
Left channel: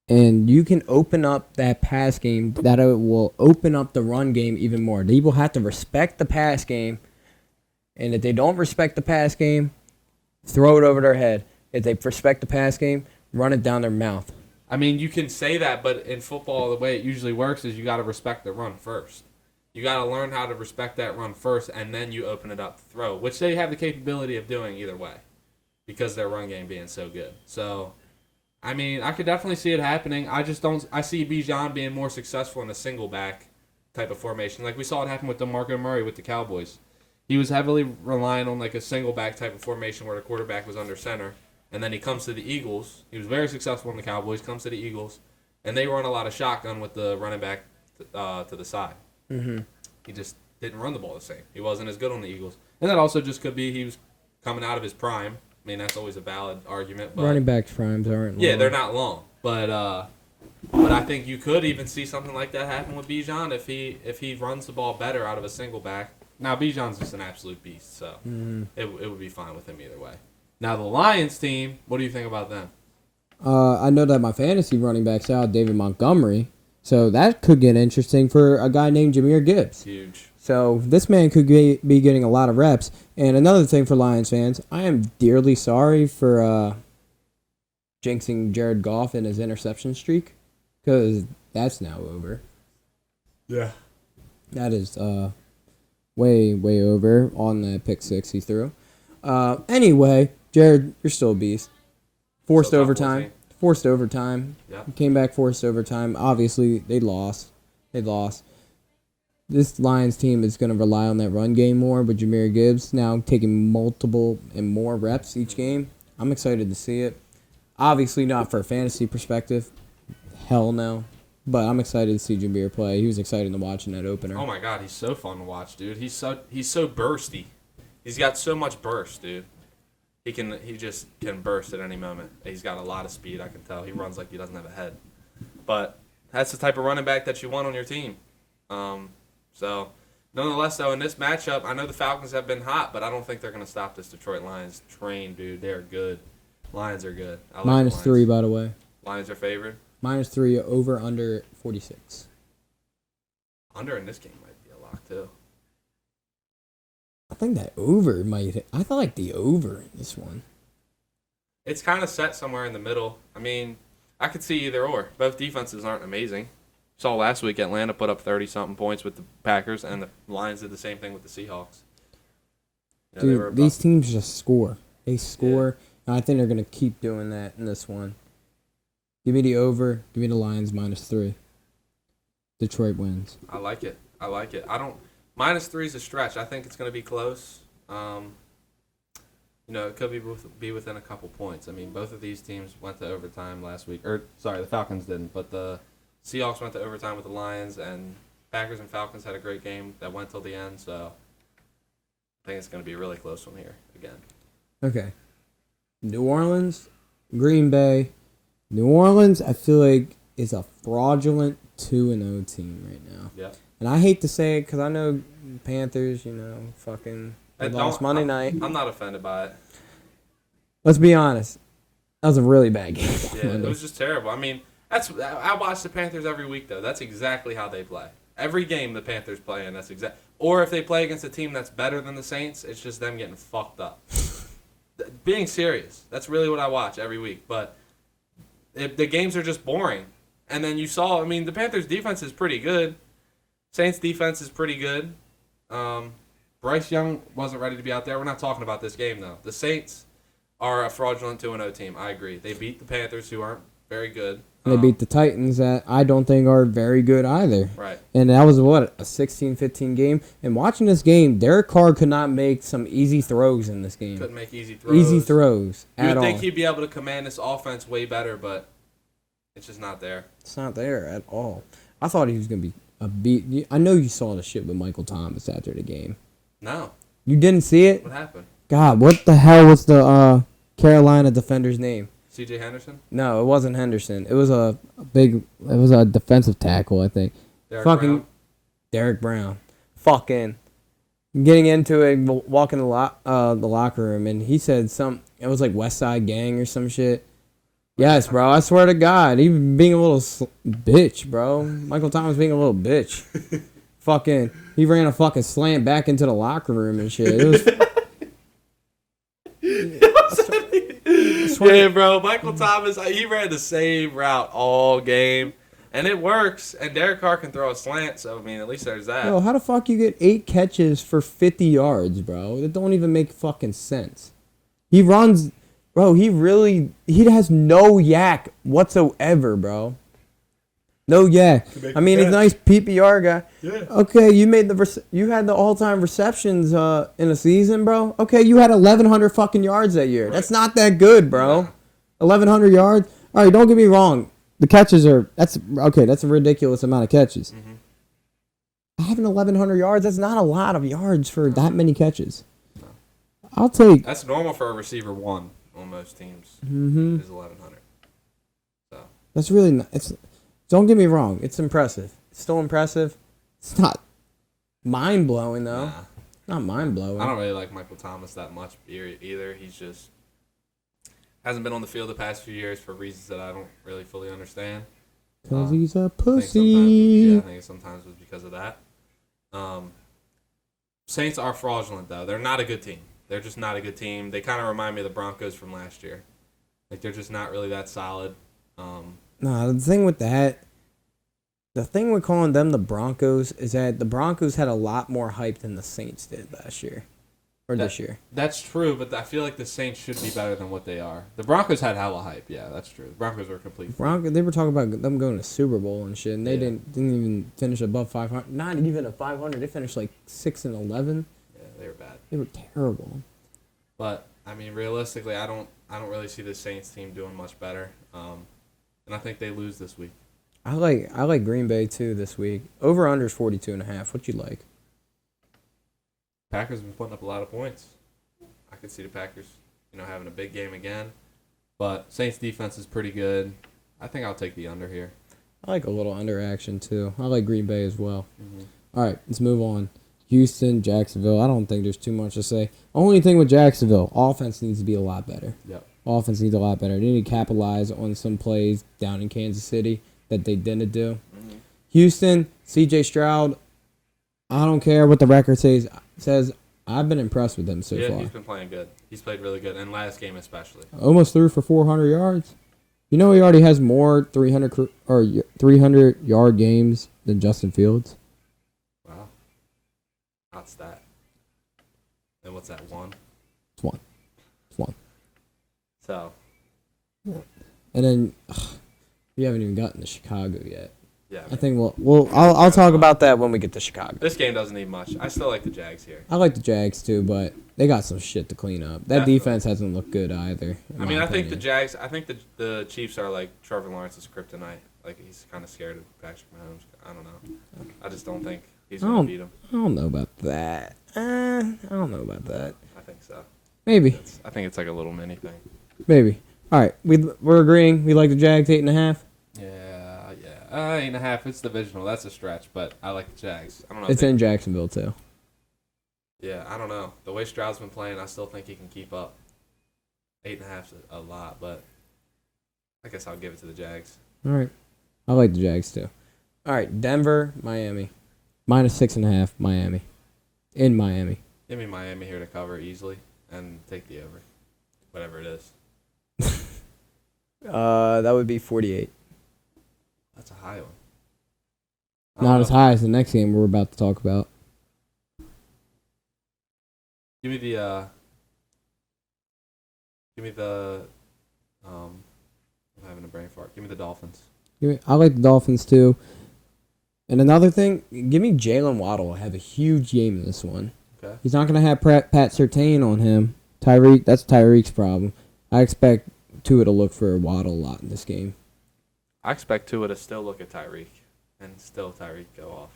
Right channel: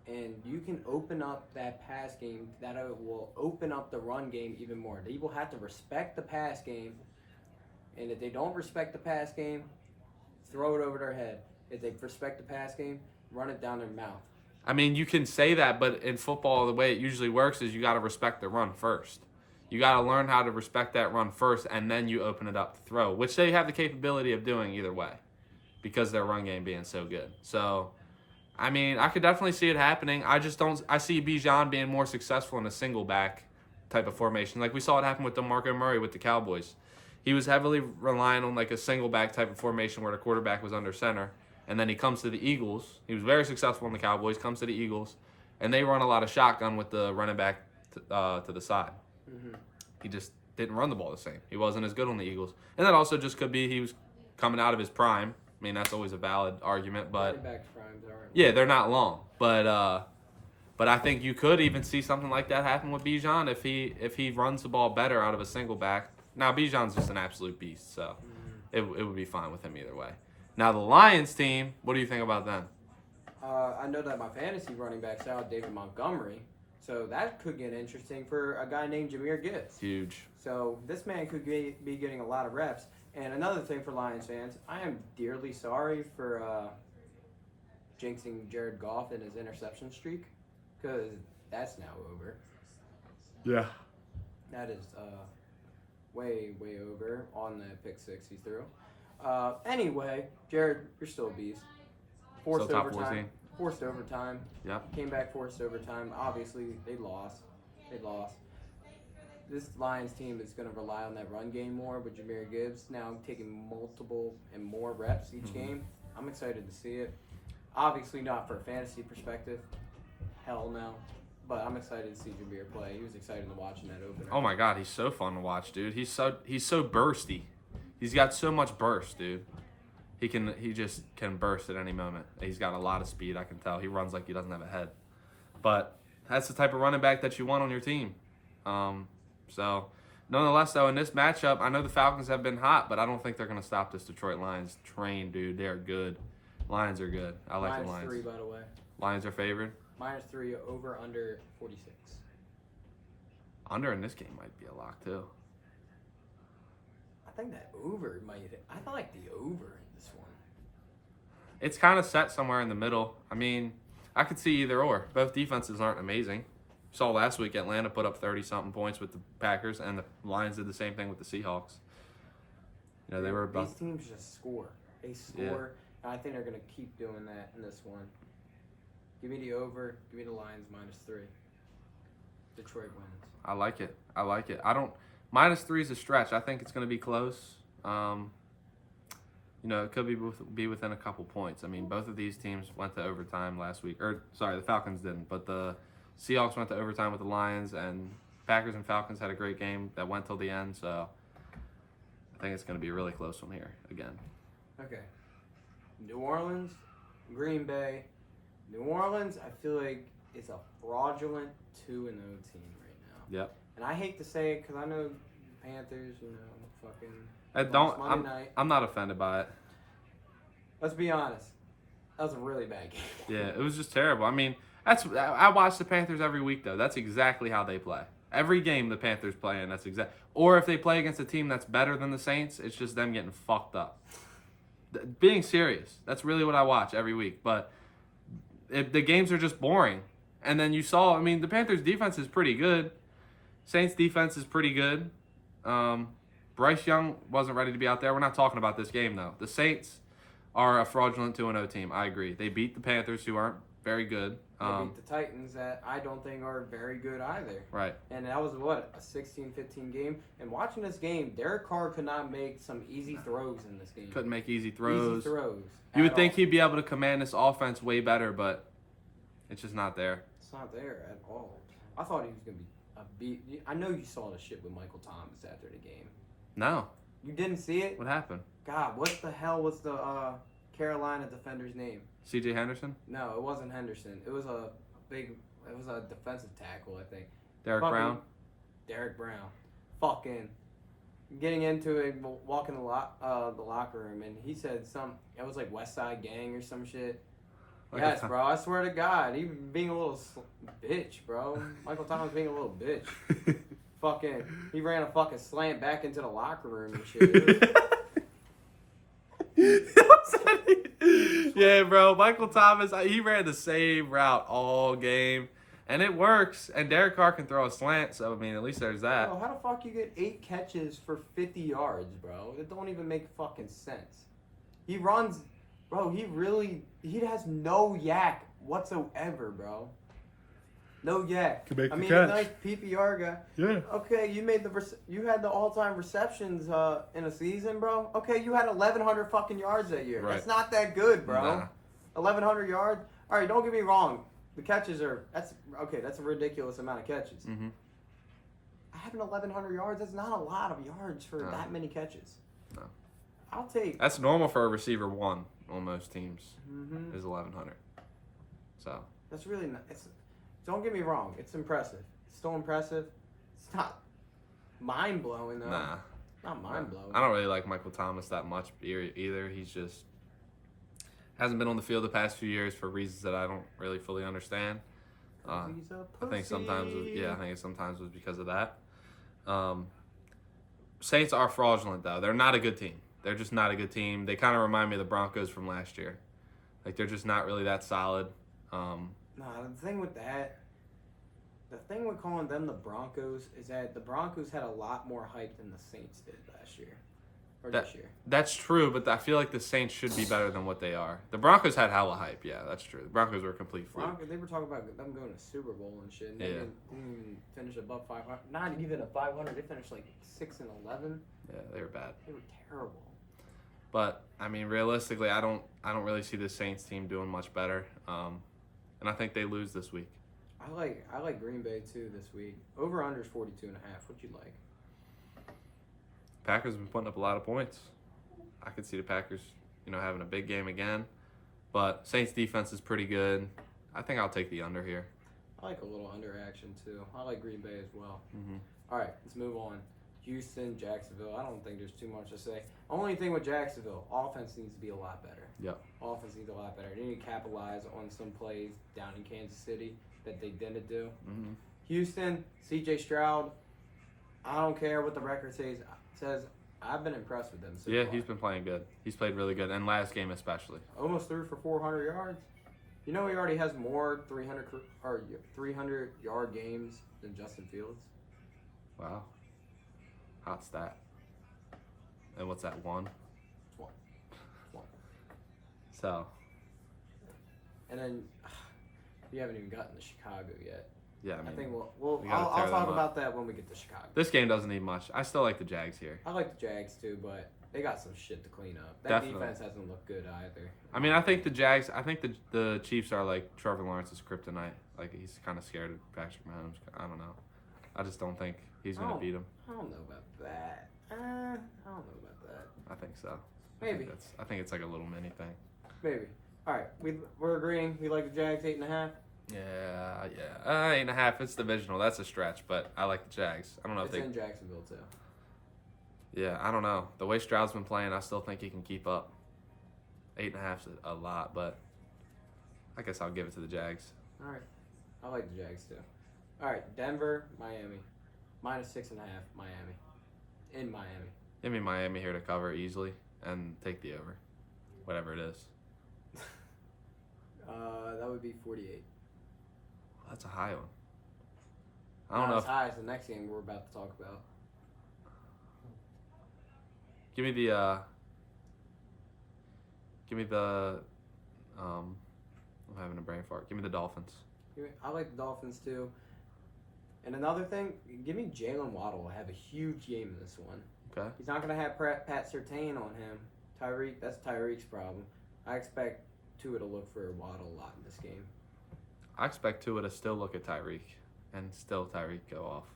and you can open up that pass game. That will open up the run game even more. They will have to respect the pass game, and if they don't respect the pass game, throw it over their head. If they respect the pass game, run it down their mouth. I mean, you can say that, but in football, the way it usually works is you got to respect the run first. You got to learn how to respect that run first, and then you open it up to throw, which they have the capability of doing either way because their run game being so good. So, I mean, I could definitely see it happening. I just don't. I see Bijan being more successful in a single back type of formation, like we saw it happen with DeMarco Murray with the Cowboys. He was heavily relying on like a single back type of formation where the quarterback was under center, and then he comes to the Eagles. He was very successful in the Cowboys. Comes to the Eagles, and they run a lot of shotgun with the running back to the side. Mm-hmm. He just didn't run the ball the same. He wasn't as good on the Eagles, and that also just could be he was coming out of his prime. I mean, that's always a valid argument, but Running backs' primes aren't. yeah, they're not long. But I think you could even see something like that happen with Bijan if he runs the ball better out of a single back. Now Bijan's just an absolute beast, so it would be fine with him either way. Now the Lions team, what do you think about them? I know that my fantasy running back's out, David Montgomery, so that could get interesting for a guy named Jahmyr Gibbs. Huge. So this man could be getting a lot of reps. And another thing for Lions fans, I am dearly sorry for jinxing Jared Goff in his interception streak, because that's now over. Yeah. That is way over on the pick six he threw. Anyway, Jared, you're still a beast. Forced overtime. Yeah. Came back forced overtime. Obviously, they lost. This Lions team is going to rely on that run game more with Jahmyr Gibbs now taking multiple and more reps each game. I'm excited to see it. Obviously not for a fantasy perspective. Hell no. But I'm excited to see Jahmyr play. He was excited to watch in that opener. Oh my God, he's so fun to watch, dude. He's so bursty. He's got so much burst, dude. He just can burst at any moment. He's got a lot of speed, I can tell. He runs like he doesn't have a head. But that's the type of running back that you want on your team. So, nonetheless, in this matchup, I know the Falcons have been hot, but I don't think they're going to stop this Detroit Lions train, dude. They're good. Lions are good. I like -3, by the way. Lions are favored. -3 over under 46. Under in this game might be a lock, too. I think that over might. I like the over in this one. It's kind of set somewhere in the middle. I mean, I could see either or. Both defenses aren't amazing. Saw last week Atlanta put up 30-something points with the Packers, and the Lions did the same thing with the Seahawks. Dude, these teams just score. They score, and I think they're going to keep doing that in this one. Give me the over. Give me the Lions -3. Detroit wins. I like it. -3 is a stretch. I think it's going to be close. It could be within a couple points. I mean, both of these teams went to overtime last week. The Falcons didn't, but the Seahawks went to overtime with the Lions, and Packers and Falcons had a great game that went till the end, so I think it's going to be a really close one here again. Okay. New Orleans, Green Bay. New Orleans, I feel like, is a fraudulent 2-0 team right now. Yeah. And I hate to say it because I know Panthers, fucking lost Monday night. I'm not offended by it. Let's be honest. That was a really bad game. Yeah, it was just terrible. I mean, I watch the Panthers every week, though. That's exactly how they play. Every game the Panthers play, and that's or if they play against a team that's better than the Saints, it's just them getting fucked up. Being serious, that's really what I watch every week. But the games are just boring. And then you saw, the Panthers' defense is pretty good. Saints' defense is pretty good. Bryce Young wasn't ready to be out there. We're not talking about this game, though. The Saints are a fraudulent 2-0 team. I agree. They beat the Panthers, who aren't very good. They beat the Titans that I don't think are very good either. Right. And that was, a 16-15 game. And watching this game, Derek Carr could not make some easy throws in this game. Couldn't make easy throws. Easy throws You would at think all. he'd be able to command this offense way better, but It's just not there. It's not there at all. I thought he was going to be a beat. I know you saw the shit with Michael Thomas after the game. No. You didn't see it? What happened? God, what the hell was the Carolina defender's name? C.J. Henderson? No, it wasn't Henderson. It was a defensive tackle, I think. Derek Brown. Fucking getting into it, walking the locker room, and he said it was like West Side Gang or some shit. Yes, bro. I swear to God, he being a little bitch, bro. Michael Thomas being a little bitch. Fucking, he ran a fucking slant back into the locker room and shit. It was, yeah, bro. Michael Thomas, he ran the same route all game, and it works. And Derek Carr can throw a slant, so I mean, at least there's that. Yo, how the fuck you get 8 catches for 50 yards, bro? It don't even make fucking sense. He runs, bro. He has no yak whatsoever, bro. No yak. I mean, he's a nice PPR guy. Okay, you had the all-time receptions in a season, bro. Okay, you had 1,100 fucking yards that year. That's not that good, bro. 1,100 yards. All right, don't get me wrong. The catches that's a ridiculous amount of catches. Having 1,100 yards, that's not a lot of yards for that many catches. I'll take. That's normal for a receiver one on most teams. Is 1,100. So that's really don't get me wrong. It's impressive. It's still impressive. It's not mind-blowing, though. Not mind-blowing. I don't really like Michael Thomas that much either. He's just hasn't been on the field the past few years for reasons that I don't really fully understand. Because he's a pussy. I think sometimes it's because of that. Saints are fraudulent, though. They're not a good team. They're just not a good team. They kind of remind me of the Broncos from last year. Like, they're just not really that solid. No, the thing with calling them the Broncos is that the Broncos had a lot more hype than the Saints did last year. Or this year. That's true, but I feel like the Saints should be better than what they are. The Broncos had hella hype, yeah, that's true. The Broncos were completely They were talking about them going to Super Bowl and shit, and they didn't even finish above 500. Not even at 500. They finished like 6-11. Yeah, they were bad. They were terrible. But I mean, realistically, I don't really see the Saints team doing much better. And I think they lose this week. I like Green Bay too this week. Over under is 42.5. What you like? Packers have been putting up a lot of points. I could see the Packers, having a big game again. But Saints defense is pretty good. I think I'll take the under here. I like a little under action too. I like Green Bay as well. All right, let's move on. Houston, Jacksonville. I don't think there's too much to say. Only thing with Jacksonville, offense needs to be a lot better. Yep. Offense needs a lot better. They need to capitalize on some plays down in Kansas City that they didn't do. Houston, C.J. Stroud, I don't care what the record says. I've been impressed with him so far. He's been playing good. He's played really good, and last game especially. Almost threw for 400 yards. You know he already has more 300-yard games than Justin Fields. Wow. Hot stat. And what's that, one? It's one. So. And then you haven't even gotten to Chicago yet. Yeah. I think I'll talk about that when we get to Chicago. This game doesn't need much. I still like the Jags here. I like the Jags too, but they got some shit to clean up. That defense hasn't looked good either. I mean, I think the Jags. I think the Chiefs are like Trevor Lawrence's kryptonite. Like he's kind of scared of Patrick Mahomes. I don't know. I just don't think he's gonna beat him. I don't know about that. I don't know about that. I think so. Maybe. I think it's like a little mini thing. Maybe. All right, we're agreeing. We like the Jags 8.5. Yeah. 8.5. It's divisional. That's a stretch, but I like the Jags. I don't know. It's in Jacksonville too. Yeah, I don't know. The way Stroud's been playing, I still think he can keep up. 8.5 is a lot, but I guess I'll give it to the Jags. All right. I like the Jags too. All right, Denver, Miami. -6.5, Miami. In Miami. Give me Miami here to cover easily and take the over. Whatever it is. That would be 48. That's a high one. Not as high as the next game we're about to talk about. Give me the I'm having a brain fart. Give me the Dolphins. I like the Dolphins too. And another thing, give me Jalen Waddle. Have a huge game in this one. Okay. He's not going to have Pat Surtain on him. That's Tyreek's problem. I expect Tua to look for Waddle a lot in this game. I expect Tua to still look at Tyreek, and then still Tyreek go off.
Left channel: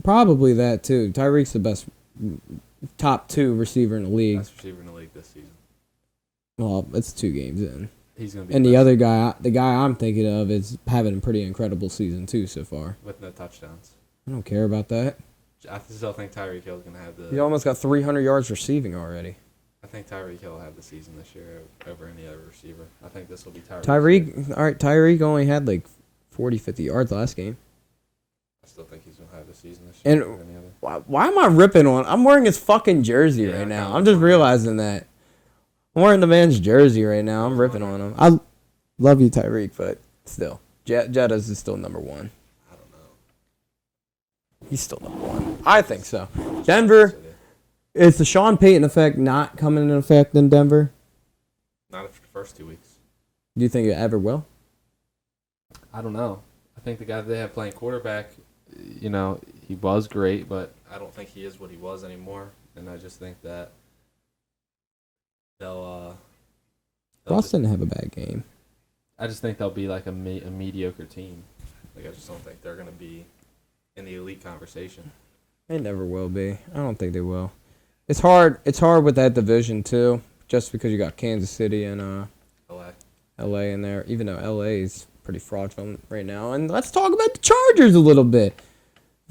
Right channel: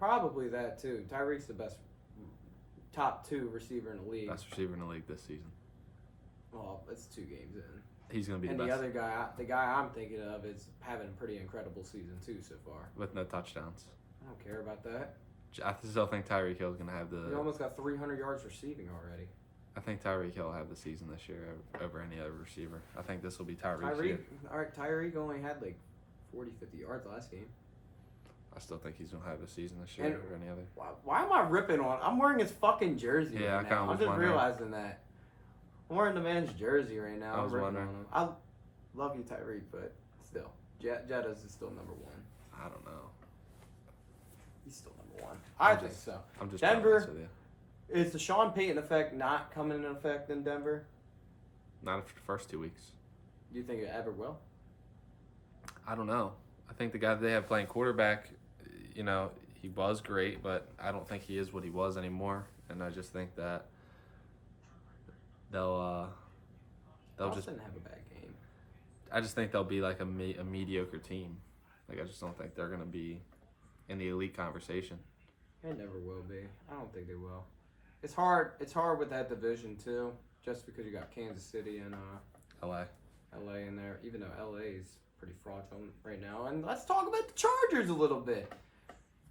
Probably that too. Tyreek's the best top 2 receiver in the league. Best receiver in the league this season. Well, it's 2 games in. He's gonna be And the best other guy, the guy I'm thinking of, is having a pretty incredible season too so far. with no touchdowns. I don't care about that. I still think Tyreek Hill's gonna have the. He almost got 300 yards receiving already. I think Tyreek Hill will have the season this year over any other receiver. I think this will be Tyreek. Tyreek only had like 40, 50 yards last game. I still think he's gonna have the season this year. And why am I ripping on? I'm wearing his fucking jersey right now. I'm just realizing that. I'm wearing the man's jersey right now. I'm ripping on him. I love you, Tyreek, but still. Jettas is still number 1. I don't know. He's still number 1. I think so. Denver, is the Sean Payton effect not coming into effect in Denver? Not after the first 2 weeks. Do you think it ever will? I don't know. I think the guy they have playing quarterback, he was great, but I don't think he is what he was anymore. And I just think that they'll Boston didn't have a bad game. I just think they'll be like a mediocre team. Like, I just don't think they're going to be in the elite conversation. It never will be. I don't think they will. It's hard. It's hard with that division too, just because you got Kansas City and LA in there. Even though LA is pretty fraudulent right now. And let's talk about the Chargers a little bit.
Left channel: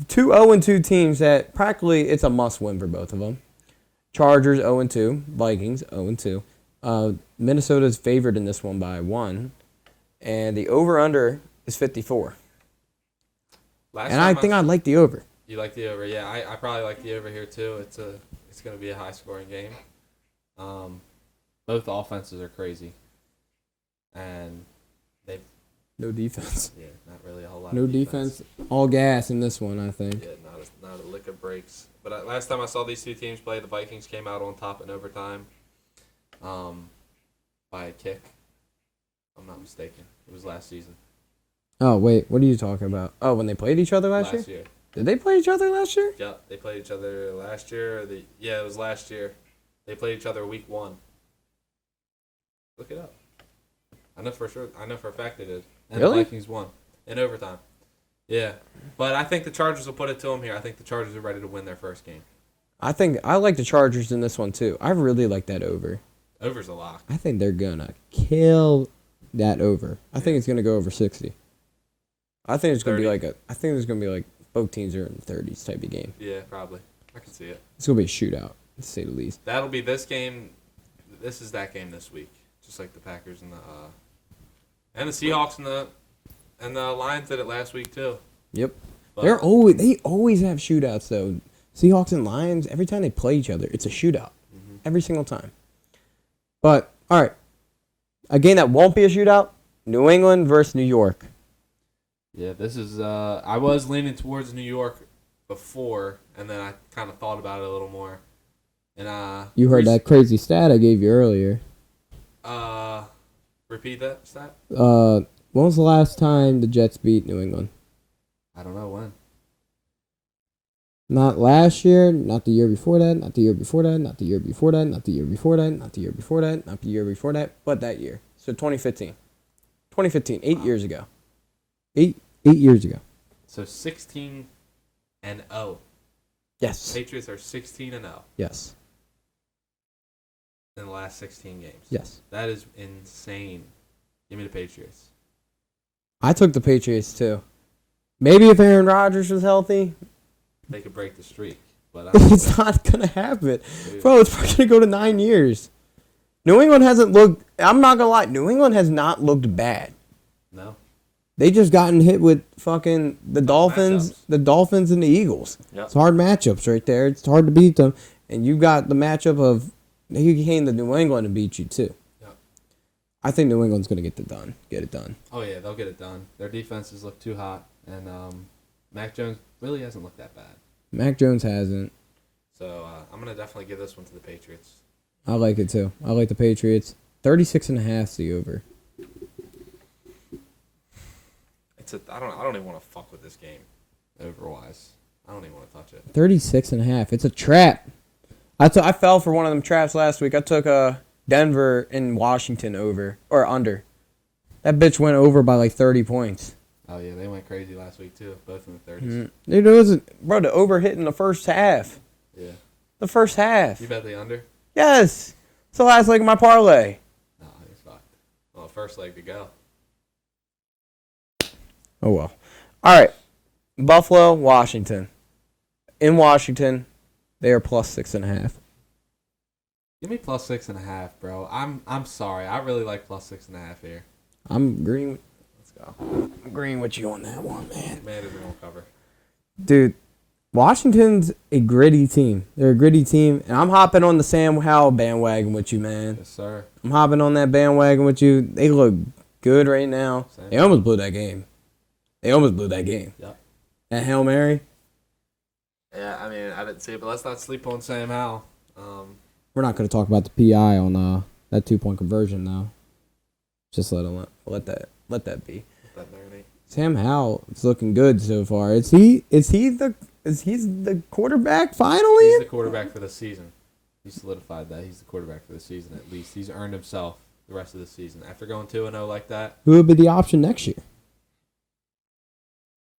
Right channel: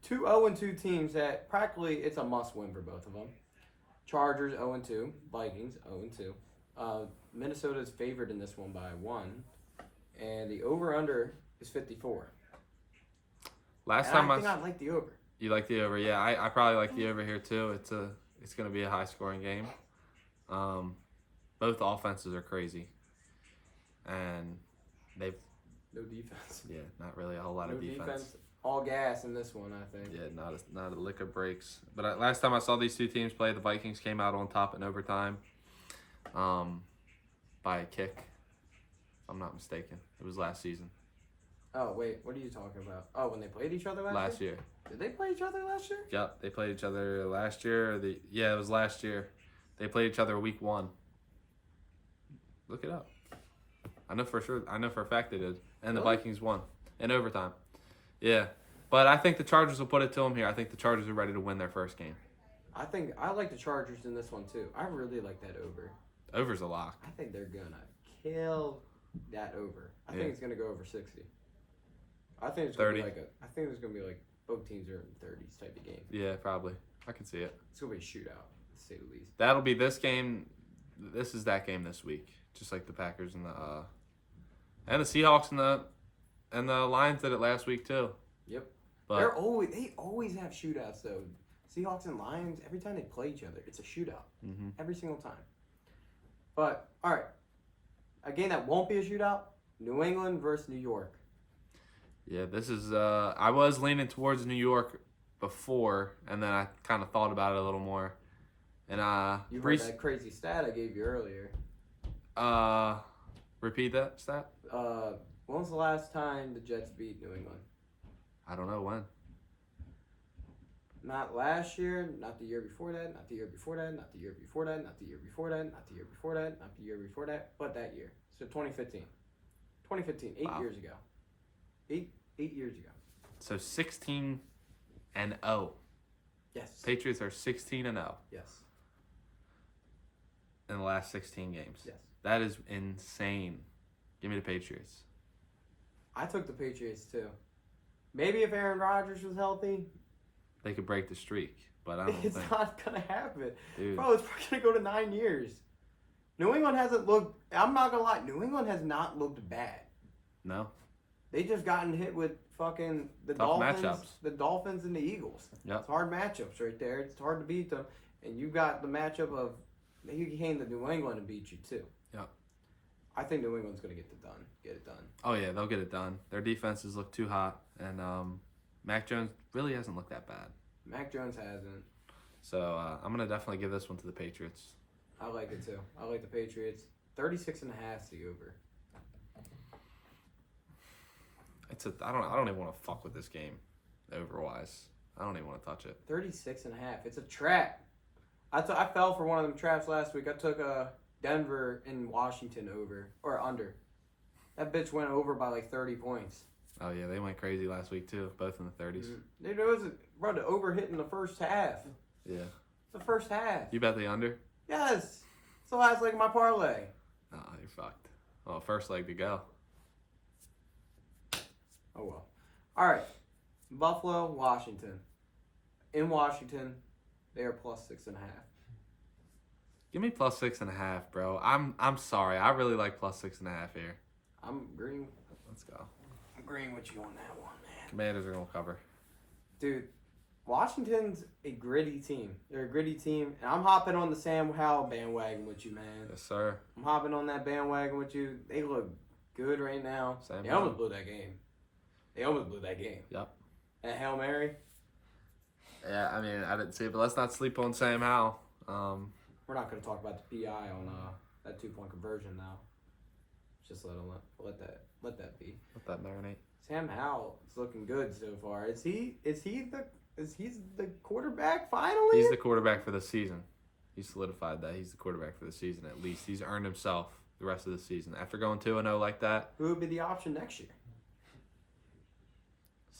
2 0-2 teams that practically it's a must-win for both of them. Chargers 0-2, Vikings 0-2. Minnesota's favored in this one by 1, and the over/under is 54. And I think I'd like the over. You like the over? Yeah, I probably like the over here too. It's going to be a high-scoring game. Both offenses are crazy, and they No defense. yeah, not really a whole lot. No defense. All gas in this one, I think. Yeah, not a lick of breaks. But last time I saw these 2 teams play, the Vikings came out on top in overtime, by a kick. If I'm not mistaken, it was last season. Oh, wait. What are you talking about? Oh, when they played each other last year? Did they play each other last year? Yeah, they played each other last year. Yeah, it was last year. They played each other week 1. Look it up. I know for sure. I know for a fact it is. And the Really? Vikings won in overtime. Yeah, but I think the Chargers will put it to them here. I think the Chargers are ready to win their first game. I like the Chargers in this one too. I really like that over. Over's a lock. I think they're gonna kill that over. I think it's gonna go over 60. I think it's gonna be like I think there's gonna be like both teams are in the 30s type of game. Yeah, probably. I can see it. It's gonna be a shootout, to say the least. That'll be this game. This is that game this week, just like the Packers and the Seahawks and the Lions did it last week too. Yep. But They always have shootouts though. Seahawks and Lions, every time they play each other, it's a shootout. Every single time. But all right, a game that won't be a shootout: New England versus New York. yeah, this is. I was leaning towards New York before, and then I kind of thought about it a little more. And You heard that crazy stat I gave you earlier. Repeat that stat. When was the last time the Jets beat New England? I don't know when. Not last year, not the year before that, not the year before that, not the year before that, not the year before that, not the year before that, not the year before that, but that year. So 2015. 2015, 8 years ago. 8 years ago. So 16-0. Yes. Patriots are 16-0 Yes. in the last 16 games. Yes. That is insane. Give me the Patriots. I took the Patriots too. Maybe if Aaron Rodgers was healthy, They could break the streak, but I don't it's not going to happen. Bro, it's probably going to go to 9 years. New England hasn't looked, I'm not going to lie, New England has not looked bad. No. They just gotten hit with fucking the Dolphins and the Eagles. It's hard matchups right there. It's hard to beat them. And you got the matchup of he came to New England and beat you too. I think New England's gonna get it done. Oh yeah, they'll get it done. Their defenses look too hot, and Mac Jones really doesn't look that bad. Mac Jones hasn't. So I'm gonna definitely give this one to the Patriots. I like it too. I like the Patriots. 36.5 is the over. I don't even want to fuck with this game. Over-wise, I don't even want to touch it. 36.5. It's a trap. I fell for one of them traps last week. I took Denver and Washington over or under. That bitch went over by like 30 points. Oh, yeah, they went crazy last week, too. Both in the 30s. Mm-hmm. It wasn't, bro, the over hit in the first half. Yeah. The first half. You bet the under? Yes. It's the last leg of my parlay. Oh, you're fucked. Oh, first leg to go. Oh, well. All right. Buffalo, Washington. In Washington, they are plus 6.5. Give me plus 6.5, bro. I'm sorry. I really like plus 6.5 here. I'm agreeing with you on that one, man. Man, it won't cover. Dude, Washington's a gritty team. They're a gritty team, and I'm hopping on the Sam Howell bandwagon with you, man. Yes, sir. I'm hopping on that bandwagon with you. They look good right now. They almost blew that game. That Hail Mary. Yeah, I mean, I didn't see it, but let's not sleep on Sam Howell. We're not going to talk about the PI on that 2-point conversion, though. Just let that be. Sam Howell is looking good so far. Is he the quarterback finally? He's the quarterback of the season. He's solidified that he's the quarterback of the season at least. He's earned himself the rest of the season. After going 2-0 like that, Who would be the option next year?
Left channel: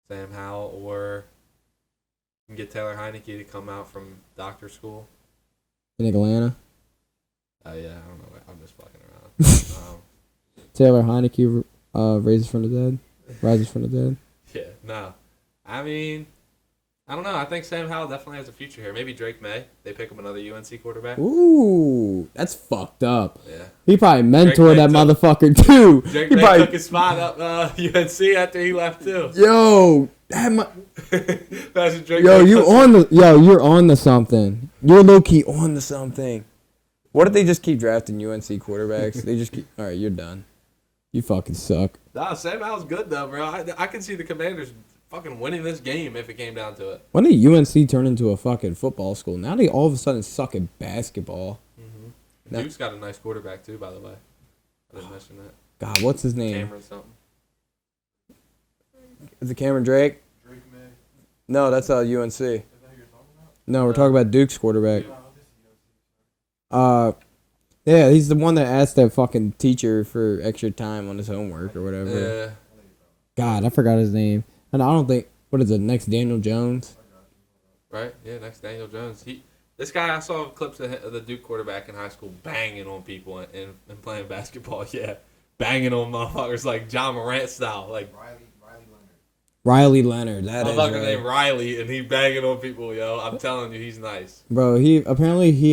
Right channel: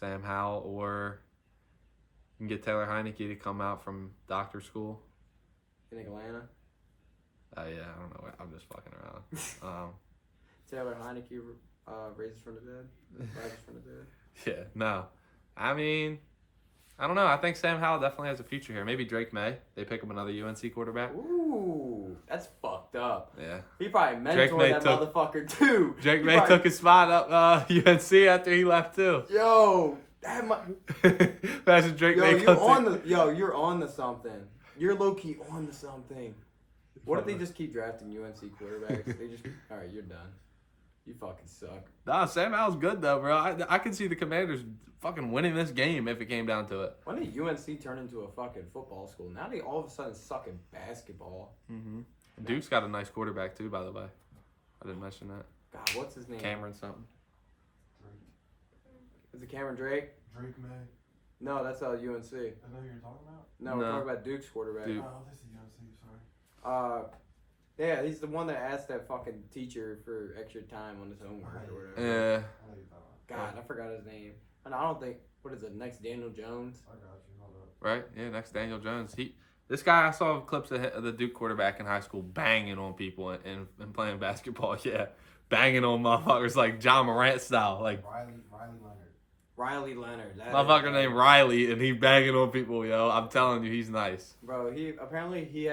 Sam Howell, or you can get Taylor Heineke to come out from doctor school. In Atlanta? Yeah, I don't know. I'm just playing around. Taylor Heineke rises from the dead. Yeah, no. I mean, I don't know. I think Sam Howell definitely has a future here. Maybe Drake May. They pick up another UNC quarterback. Ooh, that's fucked up. Yeah. He probably mentored that motherfucker too. Drake He May probably took his spot up UNC after he left too. Yo, you're on to something. You're low key on to something. What if they just keep drafting UNC quarterbacks? They just keep. All right, you're done. You fucking suck. Nah, Sam Howell's good though, bro. I can see the Commanders fucking winning this game if it came down to it. When did UNC turn into a fucking football school? Now they all of a sudden suck at basketball. Mm-hmm. Dude's got a nice quarterback too, by the way. I didn't mention that. God, what's his name? Cameron something. Is it Cameron Drake? No, that's UNC. No, we're talking about Duke's quarterback. Yeah, he's the one that asked that fucking teacher for extra time on his homework or whatever. Yeah. God, I forgot his name. And I don't think, what is it, next Daniel Jones? Right? Yeah, next Daniel Jones. This guy, I saw a clip of the Duke quarterback in high school banging on people and playing basketball. Yeah. Banging on motherfuckers like John Morant style. Like, Riley Leonard. I fucking named Riley and he banging on people, yo. I'm telling you, he's nice. Bro, he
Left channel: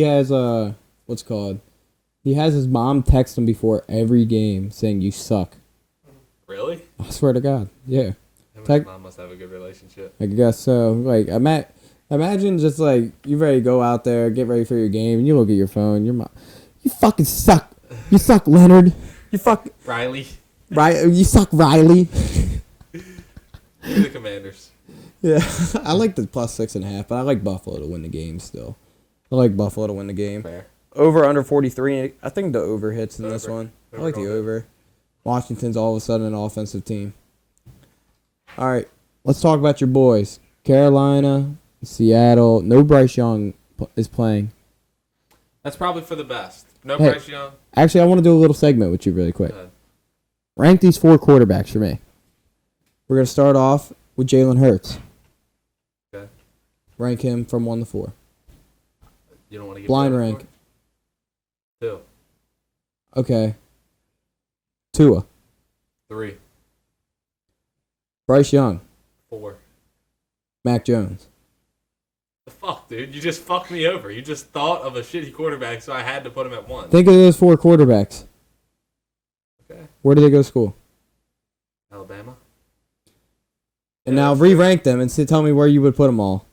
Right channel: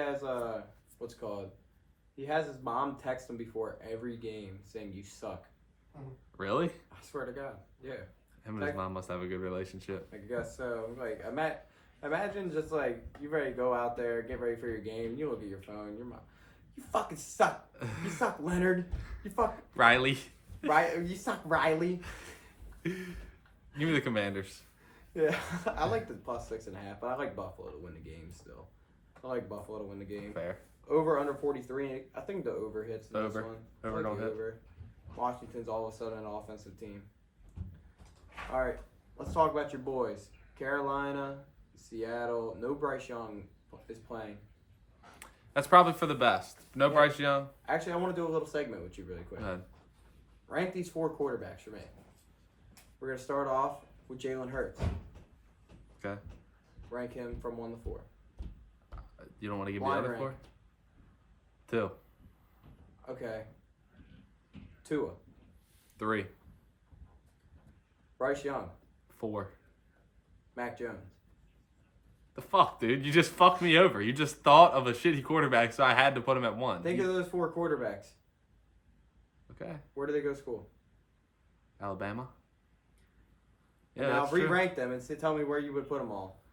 has what's it called? He has his mom text him before every game saying you suck. Really? I swear to God. Yeah. Him and his mom must have a good relationship. I guess so. Like, imagine just like you ready to go out there, get ready for your game, and you look at your phone. Your mom, you fucking suck. You suck, Leonard. You fuck Riley. You suck, Riley. You the Commanders. Yeah, I like the plus 6.5, but I like Buffalo to win the game still. I like Buffalo to win the game. Over under 43. I think the over hits in this one. I like the over. Washington's all of a sudden an offensive team. All right, let's talk about your boys. Carolina, Seattle. No Bryce Young is playing. That's probably for the best. No Bryce Young. Actually, I want to do a little segment with you really quick. Rank these 4 quarterbacks for me. We're going to start off with Jalen Hurts. Okay. Rank him from 1 to 4. You don't want to Blind rank. 2. Okay. Tua. 3. Bryce Young. 4. Mac Jones. The fuck, dude? You just fucked me over. You just thought of a shitty quarterback, so I had to put him at 1. Think of those 4 quarterbacks. Okay. Where did they go to school? Alabama. Yeah, And now re-rank them and tell me where you would put them all.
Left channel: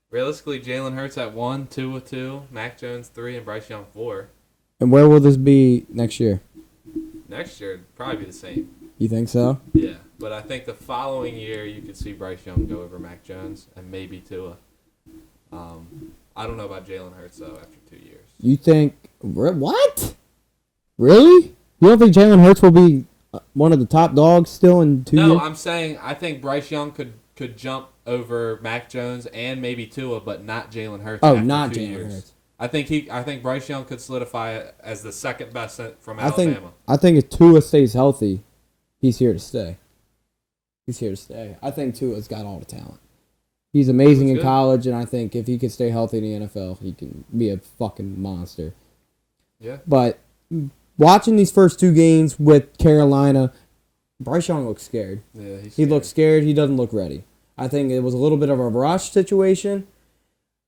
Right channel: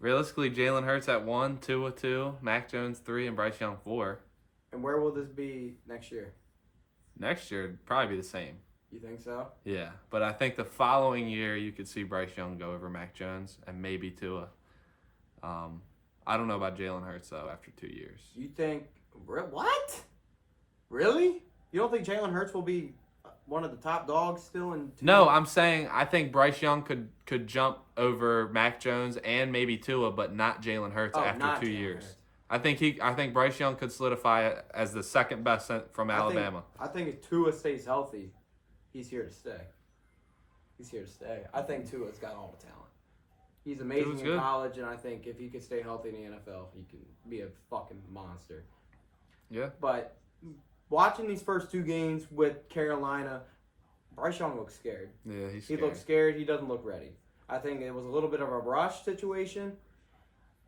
realistically, Jalen Hurts at 1, 2 with 2, Mac Jones 3, and Bryce Young 4. And where will this be next year? Next year, it'd probably be the same. You think so? Yeah, but I think the following year you'd see Bryce Young go over Mac Jones and maybe Tua. I don't know about Jalen Hurts though after 2 years. You think what? Really? You don't think Jalen Hurts will be one of the top dogs still in 2 No, years? I'm saying I think Bryce Young could jump over Mac Jones and maybe Tua, but not Jalen Hurts. Oh, after not 2 Jalen years. Hurts. I think Bryce Young could solidify it as the second best from I Alabama. think if Tua stays healthy, he's here to stay. He's here to stay. I think Tua's got all the talent. He's amazing in college, and I think if he could stay healthy in the NFL, he can be a fucking monster. Yeah. But watching these first 2 games with Carolina, Bryce Young looks scared. Yeah, He looks scared. He doesn't look ready. I think it was a little bit of a rush situation.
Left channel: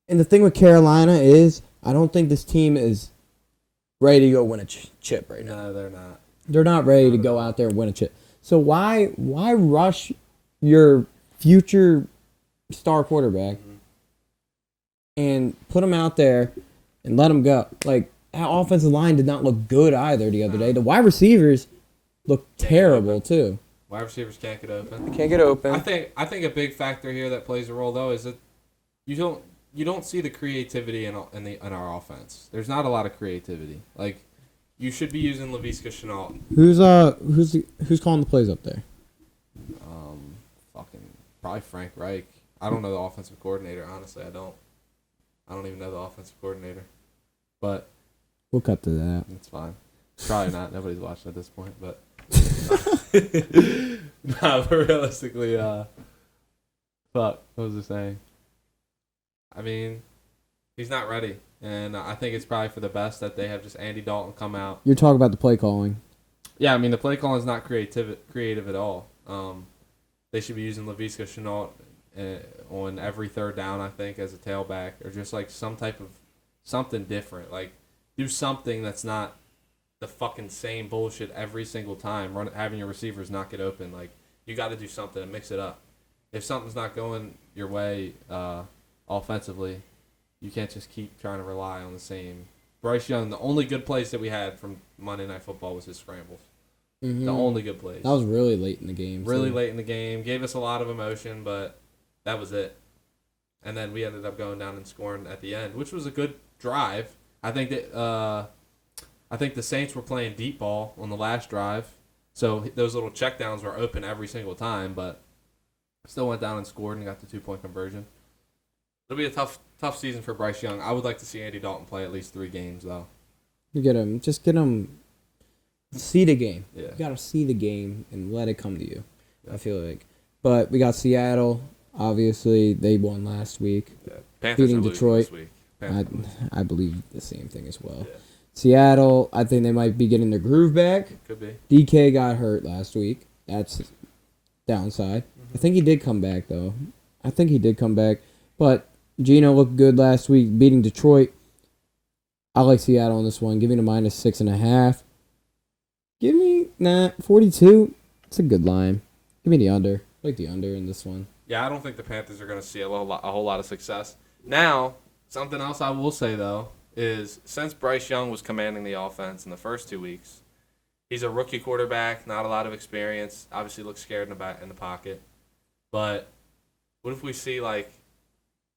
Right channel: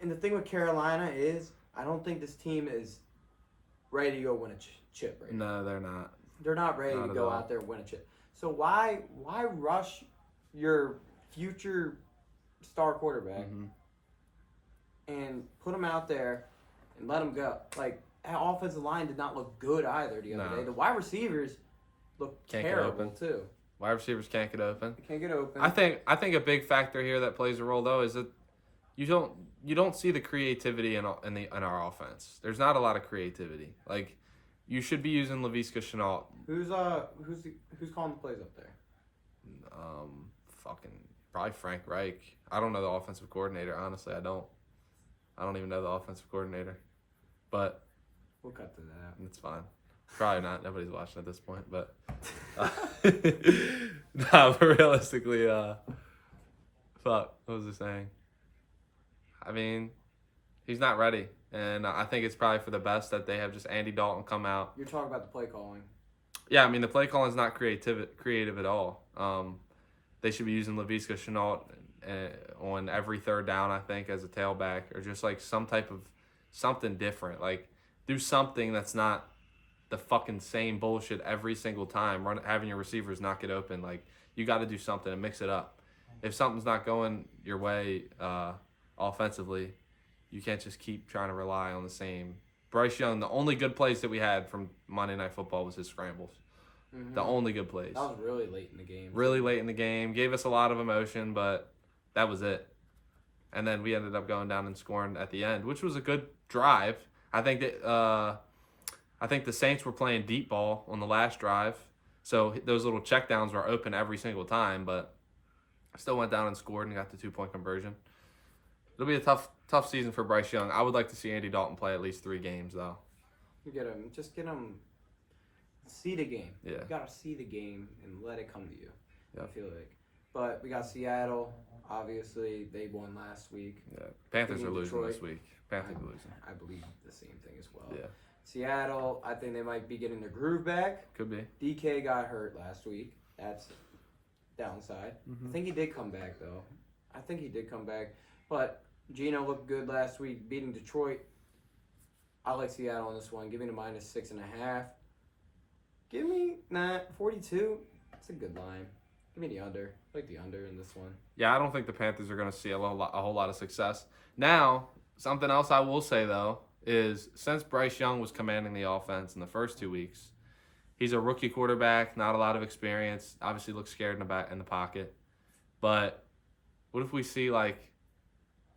And the thing with Carolina is, I don't think this team is Ready to go win a chip right now. No, they're not. they're not ready to go out there and win a chip. So why rush your future star quarterback and put him out there and let him go? Like, our offensive line did not look good either the other day. The wide receivers looked terrible too. Wide receivers can't get open. Can't get open. I think a big factor here that plays a role though is that you don't see the creativity in our offense. There's not a lot of creativity. Like you should be using Laviska Shenault. Who's calling the plays up there? Fucking probably Frank Reich. I don't know the offensive coordinator. Honestly, I don't even know the offensive coordinator. But We'll cut to that. it's fine. Probably not. Nobody's watched at this point, but realistically, fuck. What was I saying? I mean, he's not ready, and I think it's probably for the best that they have Andy Dalton come out. You're talking about the play calling. Yeah, I mean the play calling is not creative at all. They should be using Laviska Shenault on every third down, I think, as a tailback, or just like some type of something different. Like do something that's not the fucking same bullshit every single time. Having your receivers not get open. Like you got to do something, mix it up. If something's not going your way offensively, you can't just keep trying to rely on the same. Bryce Young, the only good plays that we had from Monday Night Football was his scrambles. The only good plays. That was really late in the game. Really late in the game. Gave us a lot of emotion, but that was it. And then we ended up going down and scoring at the end, which was a good drive. I think the Saints were playing deep ball on the last drive, so those little checkdowns were open every single time, but still went down and scored and got 2-point conversion. It'll be a tough season for Bryce Young. I would like to see Andy Dalton play at least 3 games, though. You get him. Just get him. See the game. You gotta see the game and let it come to you. I feel like. But we got Seattle. Obviously, they won last week, beating Detroit. I believe the same thing as well. Seattle, I think they might be getting their groove back. DK got hurt last week. That's downside. I think he did come back, though. But Gino looked good last week, beating Detroit. I like Seattle on this one. Give me the -6.5. Give me 42. It's a good line. Give me the under. I like the under in this one. Yeah, I don't think the Panthers are going to see a whole lot of success. Now, something else I will say, though, is since Bryce Young was commanding the offense in the first 2 weeks, he's a rookie quarterback, not a lot of experience, obviously looks scared back in the pocket. But what if we see, like,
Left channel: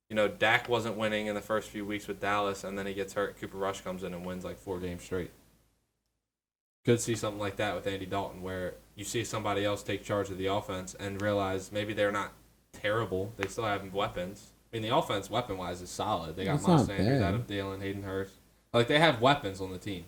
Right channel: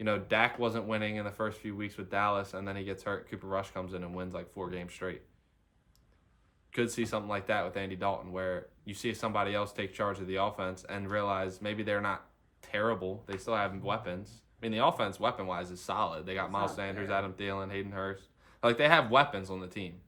Dak wasn't winning in the first few weeks with Dallas, and then he gets hurt, Cooper Rush comes in and wins like 4 games straight. Could see something like that with Andy Dalton, where you see somebody else take charge of the offense and realize maybe they're not terrible. They still have weapons. I mean, the offense weapon-wise is solid. They got Miles Sanders, Dylan, Hayden Hurst. Like they have weapons on the team.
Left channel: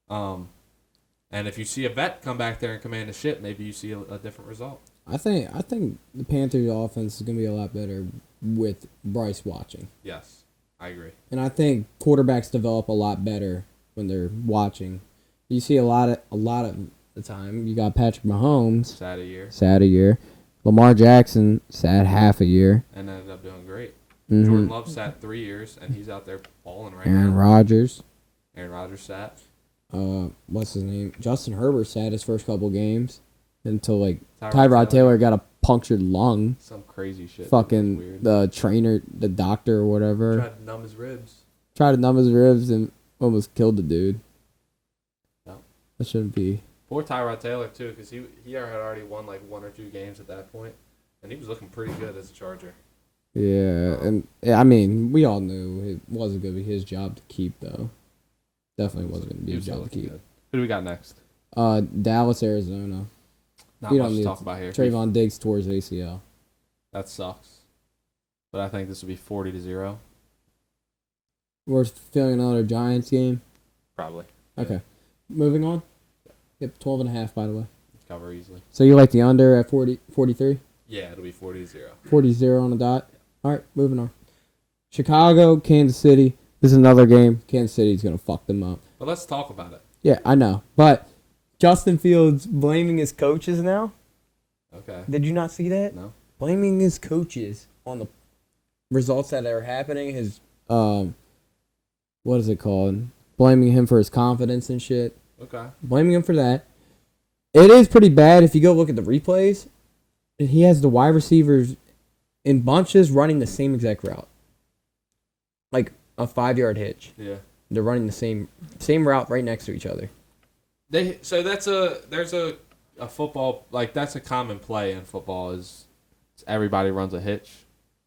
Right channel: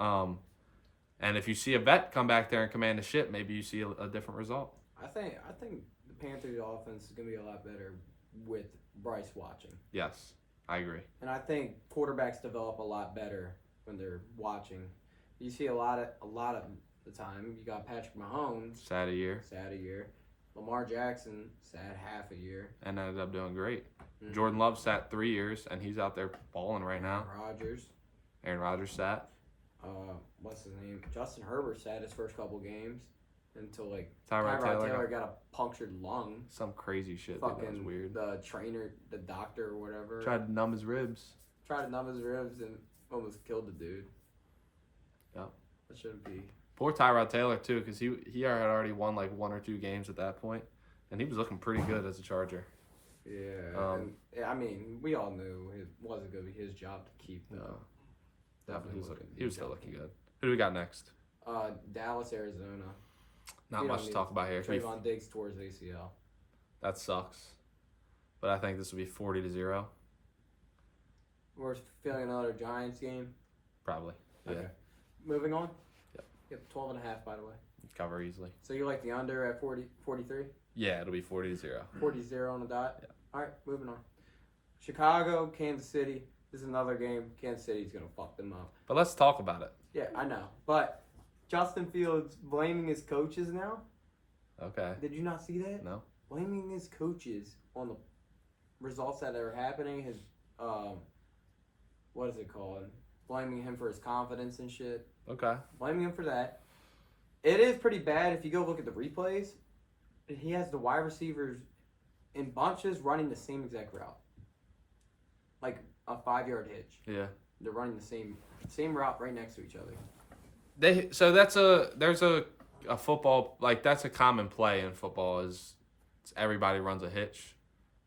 And if you see a vet come back there and command the shit, maybe you see a different result. I think the Panthers' offense is going to be a lot better with Bryce watching. Yes, I agree. And I think quarterbacks develop a lot better when they're watching. You see a lot of the time. You got Patrick Mahomes, sad a year. Lamar Jackson, sad half a year. And ended up doing great. Jordan Love sat 3 years, and he's out there balling right now. Aaron Rodgers. Sat. What's his name? Justin Herbert sat his first couple games until Tyrod Taylor got a punctured lung. Some crazy shit. Fucking the trainer, the doctor or whatever, tried to numb his ribs and almost killed the dude. That shouldn't be. Poor Tyrod Taylor too, because he already won like 1 or 2 games at that point, and he was looking pretty good as a Charger. Yeah, and I mean, we all knew it wasn't going to be his job to keep, though. Definitely wasn't going to be his job to keep. Who do we got next? Dallas, Arizona. We don't need Trayvon Diggs towards ACL. That sucks. But I think this would be 40-0. We're feeling another Giants game. Probably. Okay. Moving on. Yep, 12.5, by the way. cover easily. So you like the under at 43? Yeah, it'll be 40-0. 40-0 on the dot. All right, moving on. Chicago, Kansas City. This is another game. Kansas City's going to fuck them up. But let's talk about it. Yeah, I know. But Justin Fields blaming his coaches now. Okay. Did you not see that? No. Blaming his coaches on the results that are happening. His what is it called? Blaming him for his confidence and shit. Okay. Blaming him for that. It is pretty bad if you go look at the replays. He has the wide receivers in bunches running the same exact route. Like a 5-yard hitch. Yeah. They're running the same route right next to each other. There's a football like that's a common play in football is everybody runs a hitch,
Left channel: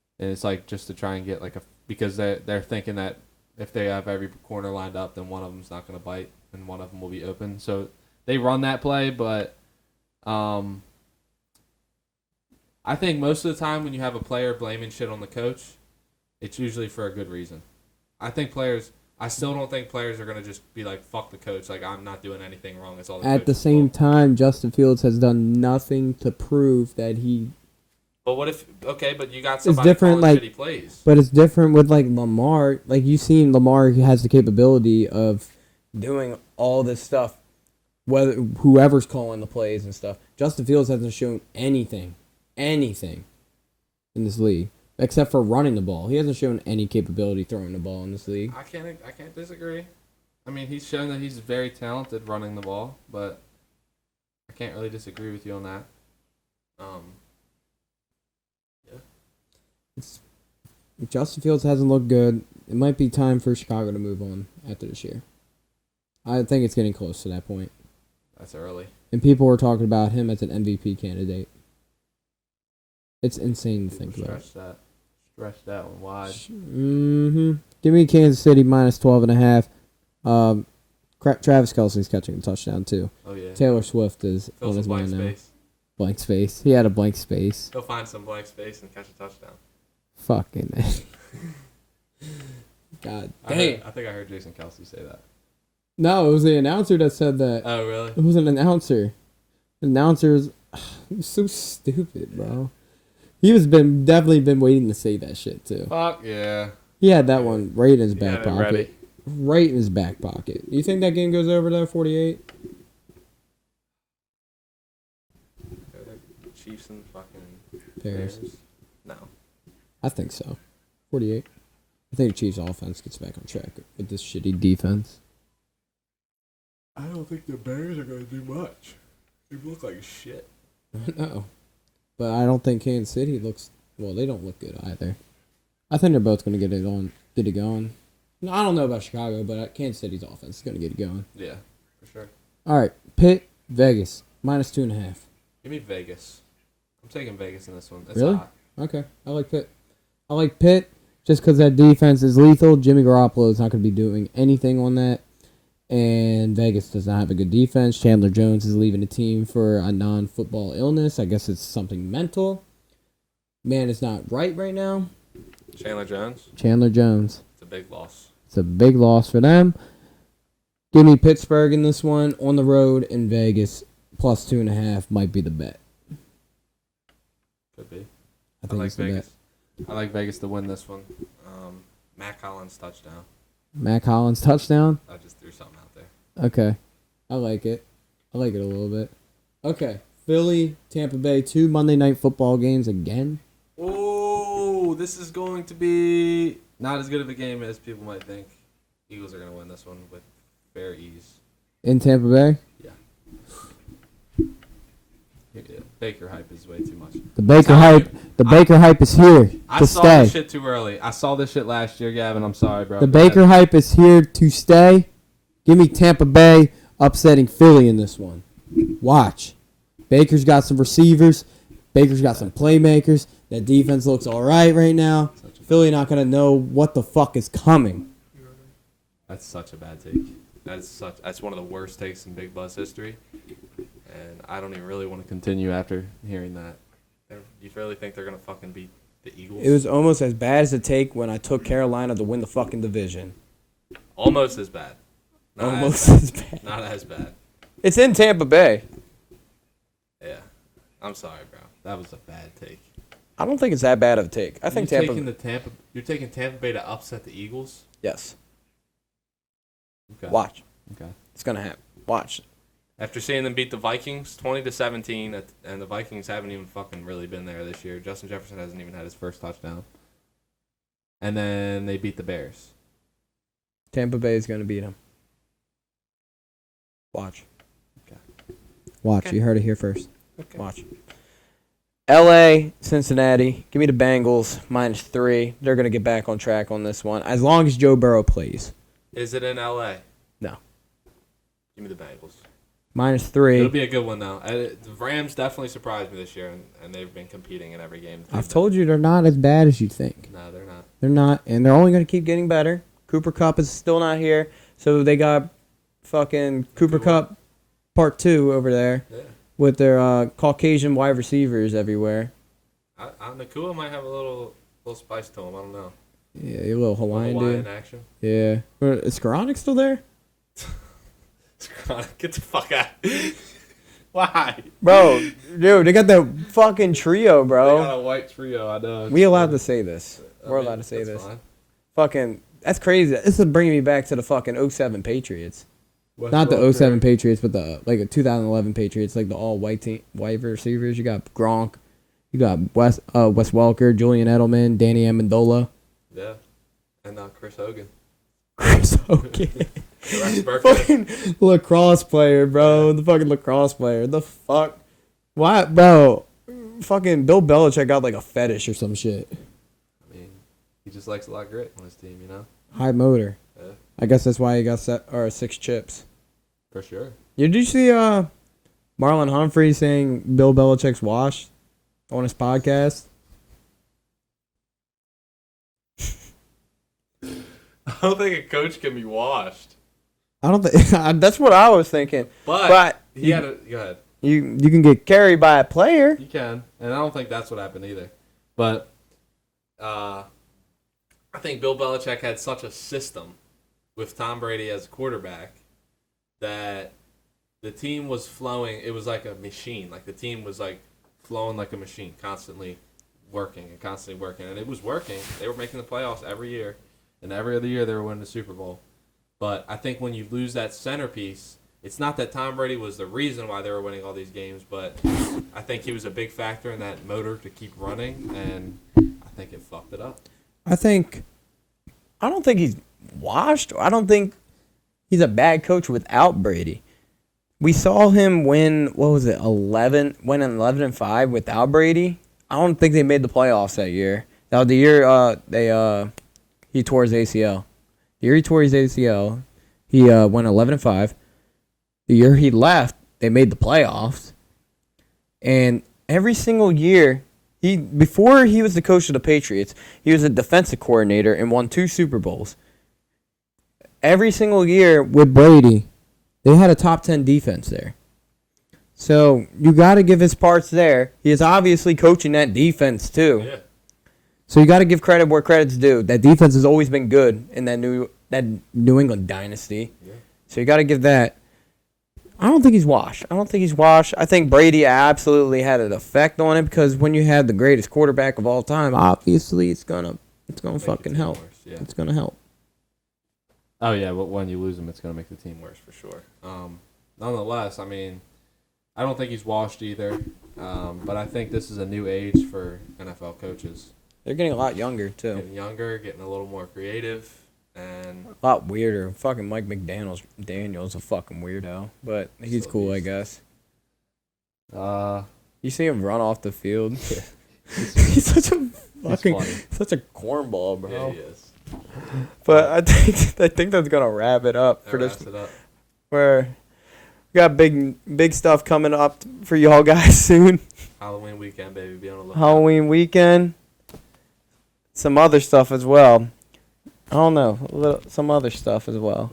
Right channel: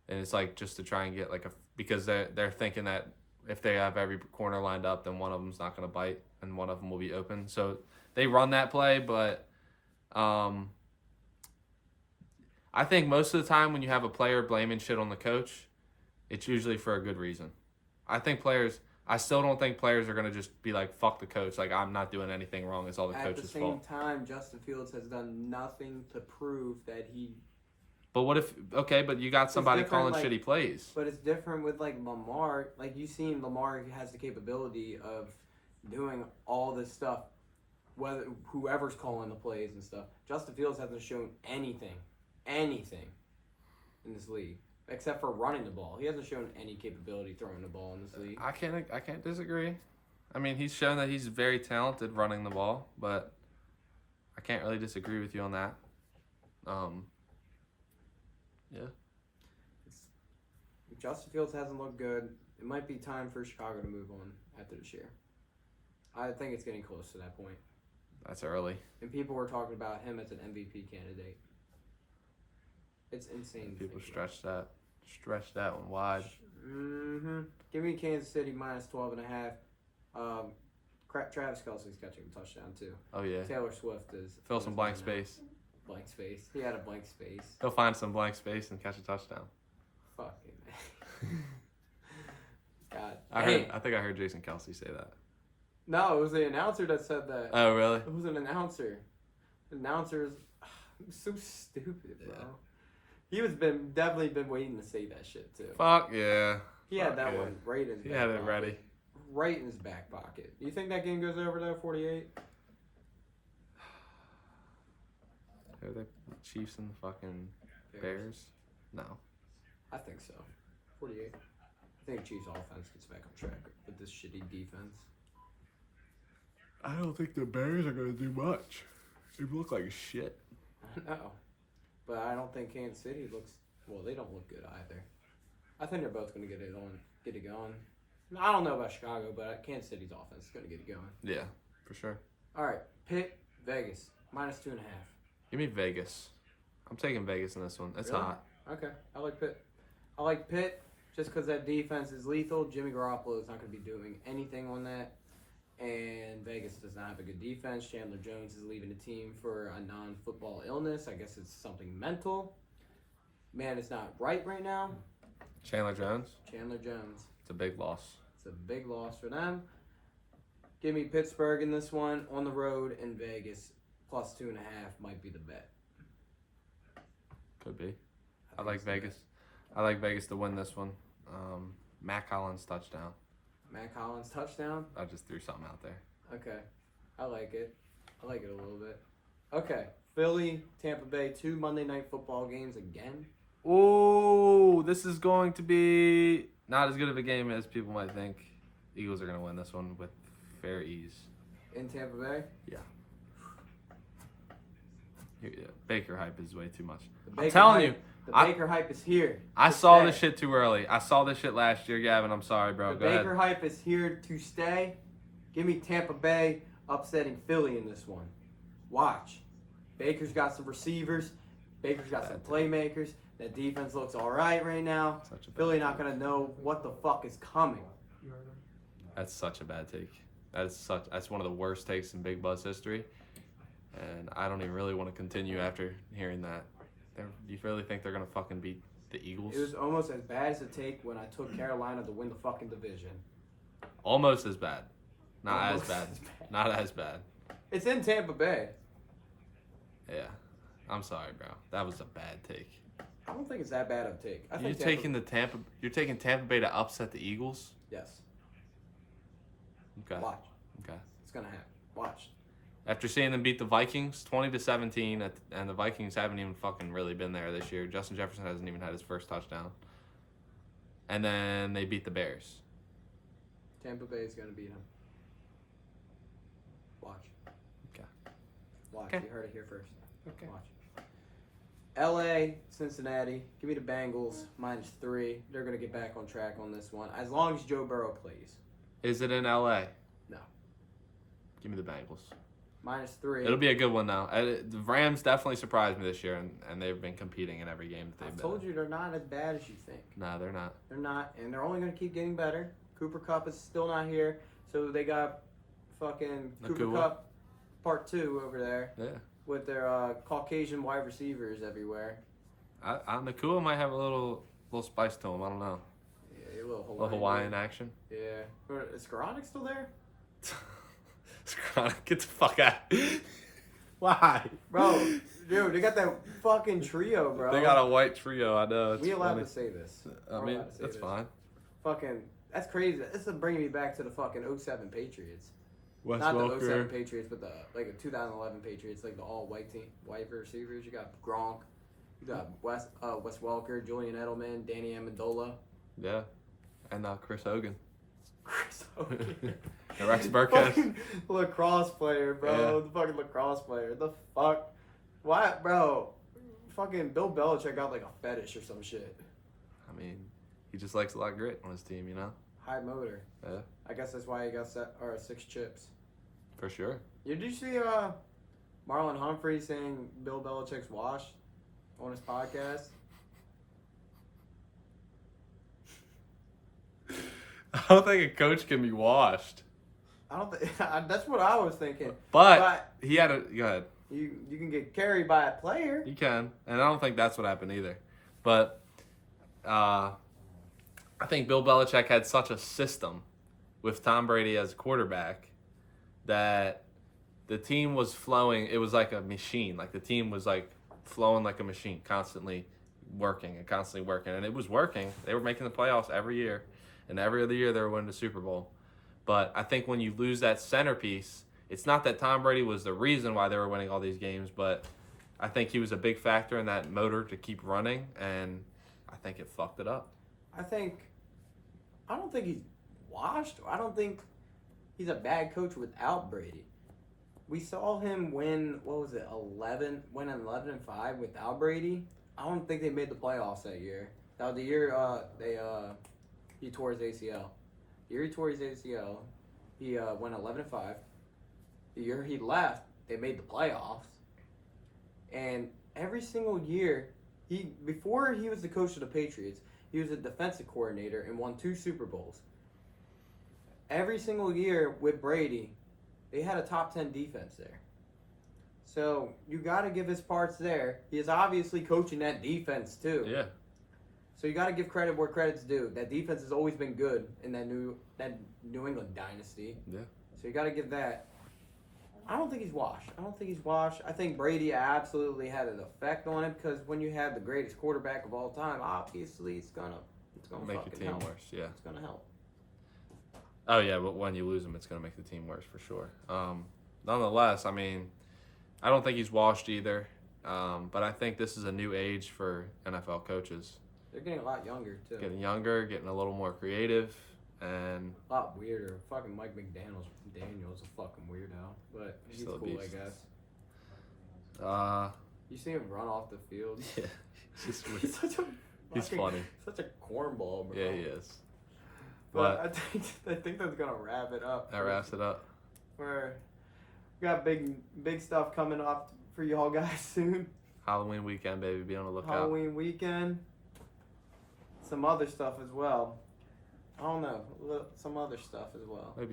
and it's like just to try and get like a because they're thinking that if they have every corner lined up, then one of them's not going to bite and one of them will be open. So they run that play, but I think most of the time when you have a player blaming shit on the coach, it's usually for a good reason. I think players. I still don't think players are going to just be like, "Fuck the coach." Like I'm not doing anything wrong. At the same time, Justin Fields has done nothing to prove that he. But what if? Okay, but you got It's different, like, but it's different with like Lamar. Like you seen Lamar, he has the capability of doing all this stuff. whether whoever's calling the plays and stuff. Justin Fields hasn't shown anything in this league. Except for running the ball. He hasn't shown any capability throwing the ball in this league. I can't disagree. I mean, he's shown that he's very talented running the ball, but I can't really disagree with you on that. Yeah. Justin Fields hasn't looked good. It might be time for Chicago to move on after this year. I think it's getting close to that point. That's early. And people were talking about him as an MVP candidate. It's insane to think about. Stretch that wide. Give me Kansas City minus 12.5. Travis Kelce's catching a touchdown too. Oh, yeah. Taylor Swift is on his way now. Blank space. He had a blank space. He'll find some blank space and catch a touchdown. Fucking. God. I think I heard Jason Kelsey say that. No, it was the announcer that said that. Oh, really? It was an announcer. The announcer's so stupid, bro. He was definitely been waiting to say that shit too. Fuck yeah. He had that one right in his back ready. pocket. Right in his back pocket. You think that game goes over though, 48? Chiefs and fucking Bears. No. I think so. 48. I think the Chiefs' offense gets back on track with this shitty defense. I don't think the Bears are going to do much. They look like shit. Oh. But I don't think Kansas City looks. Well, they don't look good either. I think they're both going to get it going. I don't know about Chicago, but Kansas City's offense is going to get it going. Yeah, for sure. All right, Pitt, Vegas, minus 2.5. Give me Vegas. I'm taking Vegas in this one. It's Really? hot. Okay, I like Pitt. I like Pitt just because that defense is lethal. Jimmy Garoppolo is not going to be doing anything on that. And Vegas does not have a good defense. Chandler Jones is leaving the team for a non-football illness. I guess it's something mental. Man is not right now. Chandler Jones. Chandler Jones. It's a big loss. It's a big loss for them. Give me Pittsburgh in this one on the road in Vegas. Plus 2.5 might be the bet. Could be. I think it's the bet. I like Vegas to win this one. Matt Collins touchdown. Matt Collins touchdown. I just threw something out there. Okay. I like it. I like it a little bit. Okay. Philly, Tampa Bay, 2 Monday Night Football games again. Ooh, this is going to be not as good of a game as people might think. Eagles are going to win this one with fair ease. In Tampa Bay? Baker hype is way too much. The Baker hype is here I to saw stay. this shit too early. I saw this shit last year, Gavin. I'm sorry, bro. The Baker hype is here to stay. Give me Tampa Bay upsetting Philly in this one. Watch. Baker's got some receivers. Baker's got some playmakers. That defense looks all right now. Philly not going to know what the fuck is coming. That's such a bad take. That's one of the worst takes in Big Buzz history. And I don't even really want to continue after hearing that. You really think they're going to fucking beat the Eagles? It was almost as bad as a take when I took Carolina to win the fucking division. Almost as bad. Not Almost as bad. Not as bad. It's in Tampa Bay. I'm sorry, bro. That was a bad take. I don't think it's that bad of a take. I think Tampa. You're taking Tampa Bay to upset the Eagles? Yes. Okay. Watch. Okay. It's gonna happen. Watch. After seeing them beat the Vikings 20-17, and the Vikings haven't even fucking really been there this year. Justin Jefferson hasn't even had his first touchdown. And then they beat the Bears. Tampa Bay is gonna beat them. Watch. Watch. You heard it here first. Watch. LA, Cincinnati. Give me the Bengals -3. They're gonna get back on track on this one as long as Joe Burrow plays. Is it in LA? No. Give me the Bengals. -3. It'll be a good one, though. Rams definitely surprised this year, and they've been competing in every game. I've told you they're not as bad as you think. No. They're not, and they're only going to keep getting better. Cooper Kupp is still not here, so they got fucking Cooper Kupp Part 2 over there with their Caucasian wide receivers everywhere. Nakua might have a little spice to him. I don't know. Yeah, a little Hawaiian dude. action. Yeah. Is Skoranek still there? Get the fuck out. Why? Bro, dude, they got the fucking trio, bro. We allowed to say this. We're allowed to say this. Fucking, that's crazy. This is bringing me back to the fucking '07 Patriots. Not the '07 Patriots, but the 2011 Patriots, like the all white receivers. You got Gronk, you got Wes Welker, Julian Edelman, Danny Amendola. Yeah. And then Chris Hogan. Chris Hogan. Fucking lacrosse player, bro. The fucking lacrosse player. The fuck? Why, bro? Fucking Bill Belichick got like a fetish or some shit. I mean, he just likes a lot of grit on his team, you know? High motor. I guess that's why he got 6 chips. For sure. Did you see Marlon Humphrey saying Bill Belichick's washed on his podcast? I don't think a coach can be washed. I don't think That's what I was thinking. But he had go ahead. You can get carried by a player. You can. And I don't think that's what happened either. But I think Bill Belichick had such a system with Tom Brady as quarterback that the team was flowing. It was like a machine. Like the team was like flowing like a machine, constantly working. And it was working. They were making the playoffs every year. And every year they were winning the Super Bowl. But I think when you lose that centerpiece, it's not that Tom Brady was the reason why they were winning all these games, but I think he was a big factor in that motor to keep running, and I think they fucked it up. I don't think he's washed. I don't think he's a bad coach without Brady. We saw him win, what was it, 11-5 without Brady. I don't think they made the playoffs that year. That was the year he tore his ACL. The year he tore his ACL, he went 11-5. The year he left, they made the playoffs. And every single year, before he was the coach of the Patriots, he was a defensive coordinator and won 2 Super Bowls. Every single year with Brady, they had a top 10 defense there. So you got to give his parts there. He is obviously coaching that defense too. So you got to give credit where credit's due. That defense has always been good in that New England dynasty. So you got to give that. I don't think he's washed. I think Brady absolutely had an effect on it because when you have the greatest quarterback of all time, obviously it's gonna fucking help. It's gonna help. Oh yeah, when you lose him, it's gonna make the team worse for sure. Nonetheless, I mean, I don't think he's washed either. But I think this is a new age for NFL coaches. They're getting a lot younger too. Getting a little more creative, and a lot weirder. Fucking Mike Daniel's a fucking weirdo, but he's cool, I guess. You see him run off the field. He's such a cornball, bro. But I think that's gonna wrap it up for this. Where we got big stuff coming up for y'all guys soon. Halloween weekend, baby. Halloween weekend. Some other stuff as well. I don't know. Some other stuff as well.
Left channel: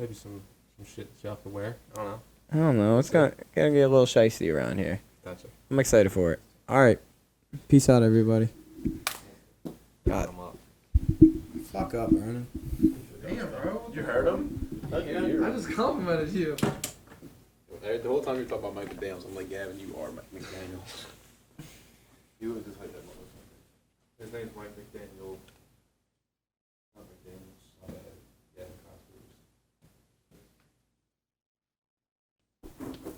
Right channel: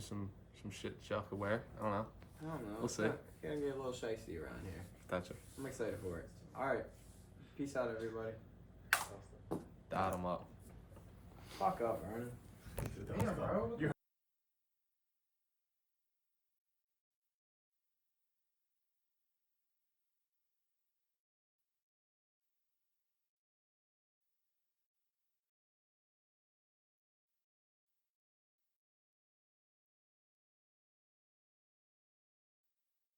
I don't know. It's gonna get a little shicey around here. I'm excited for it. All right. Peace out, everybody. God. Fuck up, Vernon. You heard him? I just complimented you. The whole time you're talking about Mike McDaniels, I'm like, Gavin, you are Mike McDaniels. He was just like that motherfucker. His name's Mike McDaniel.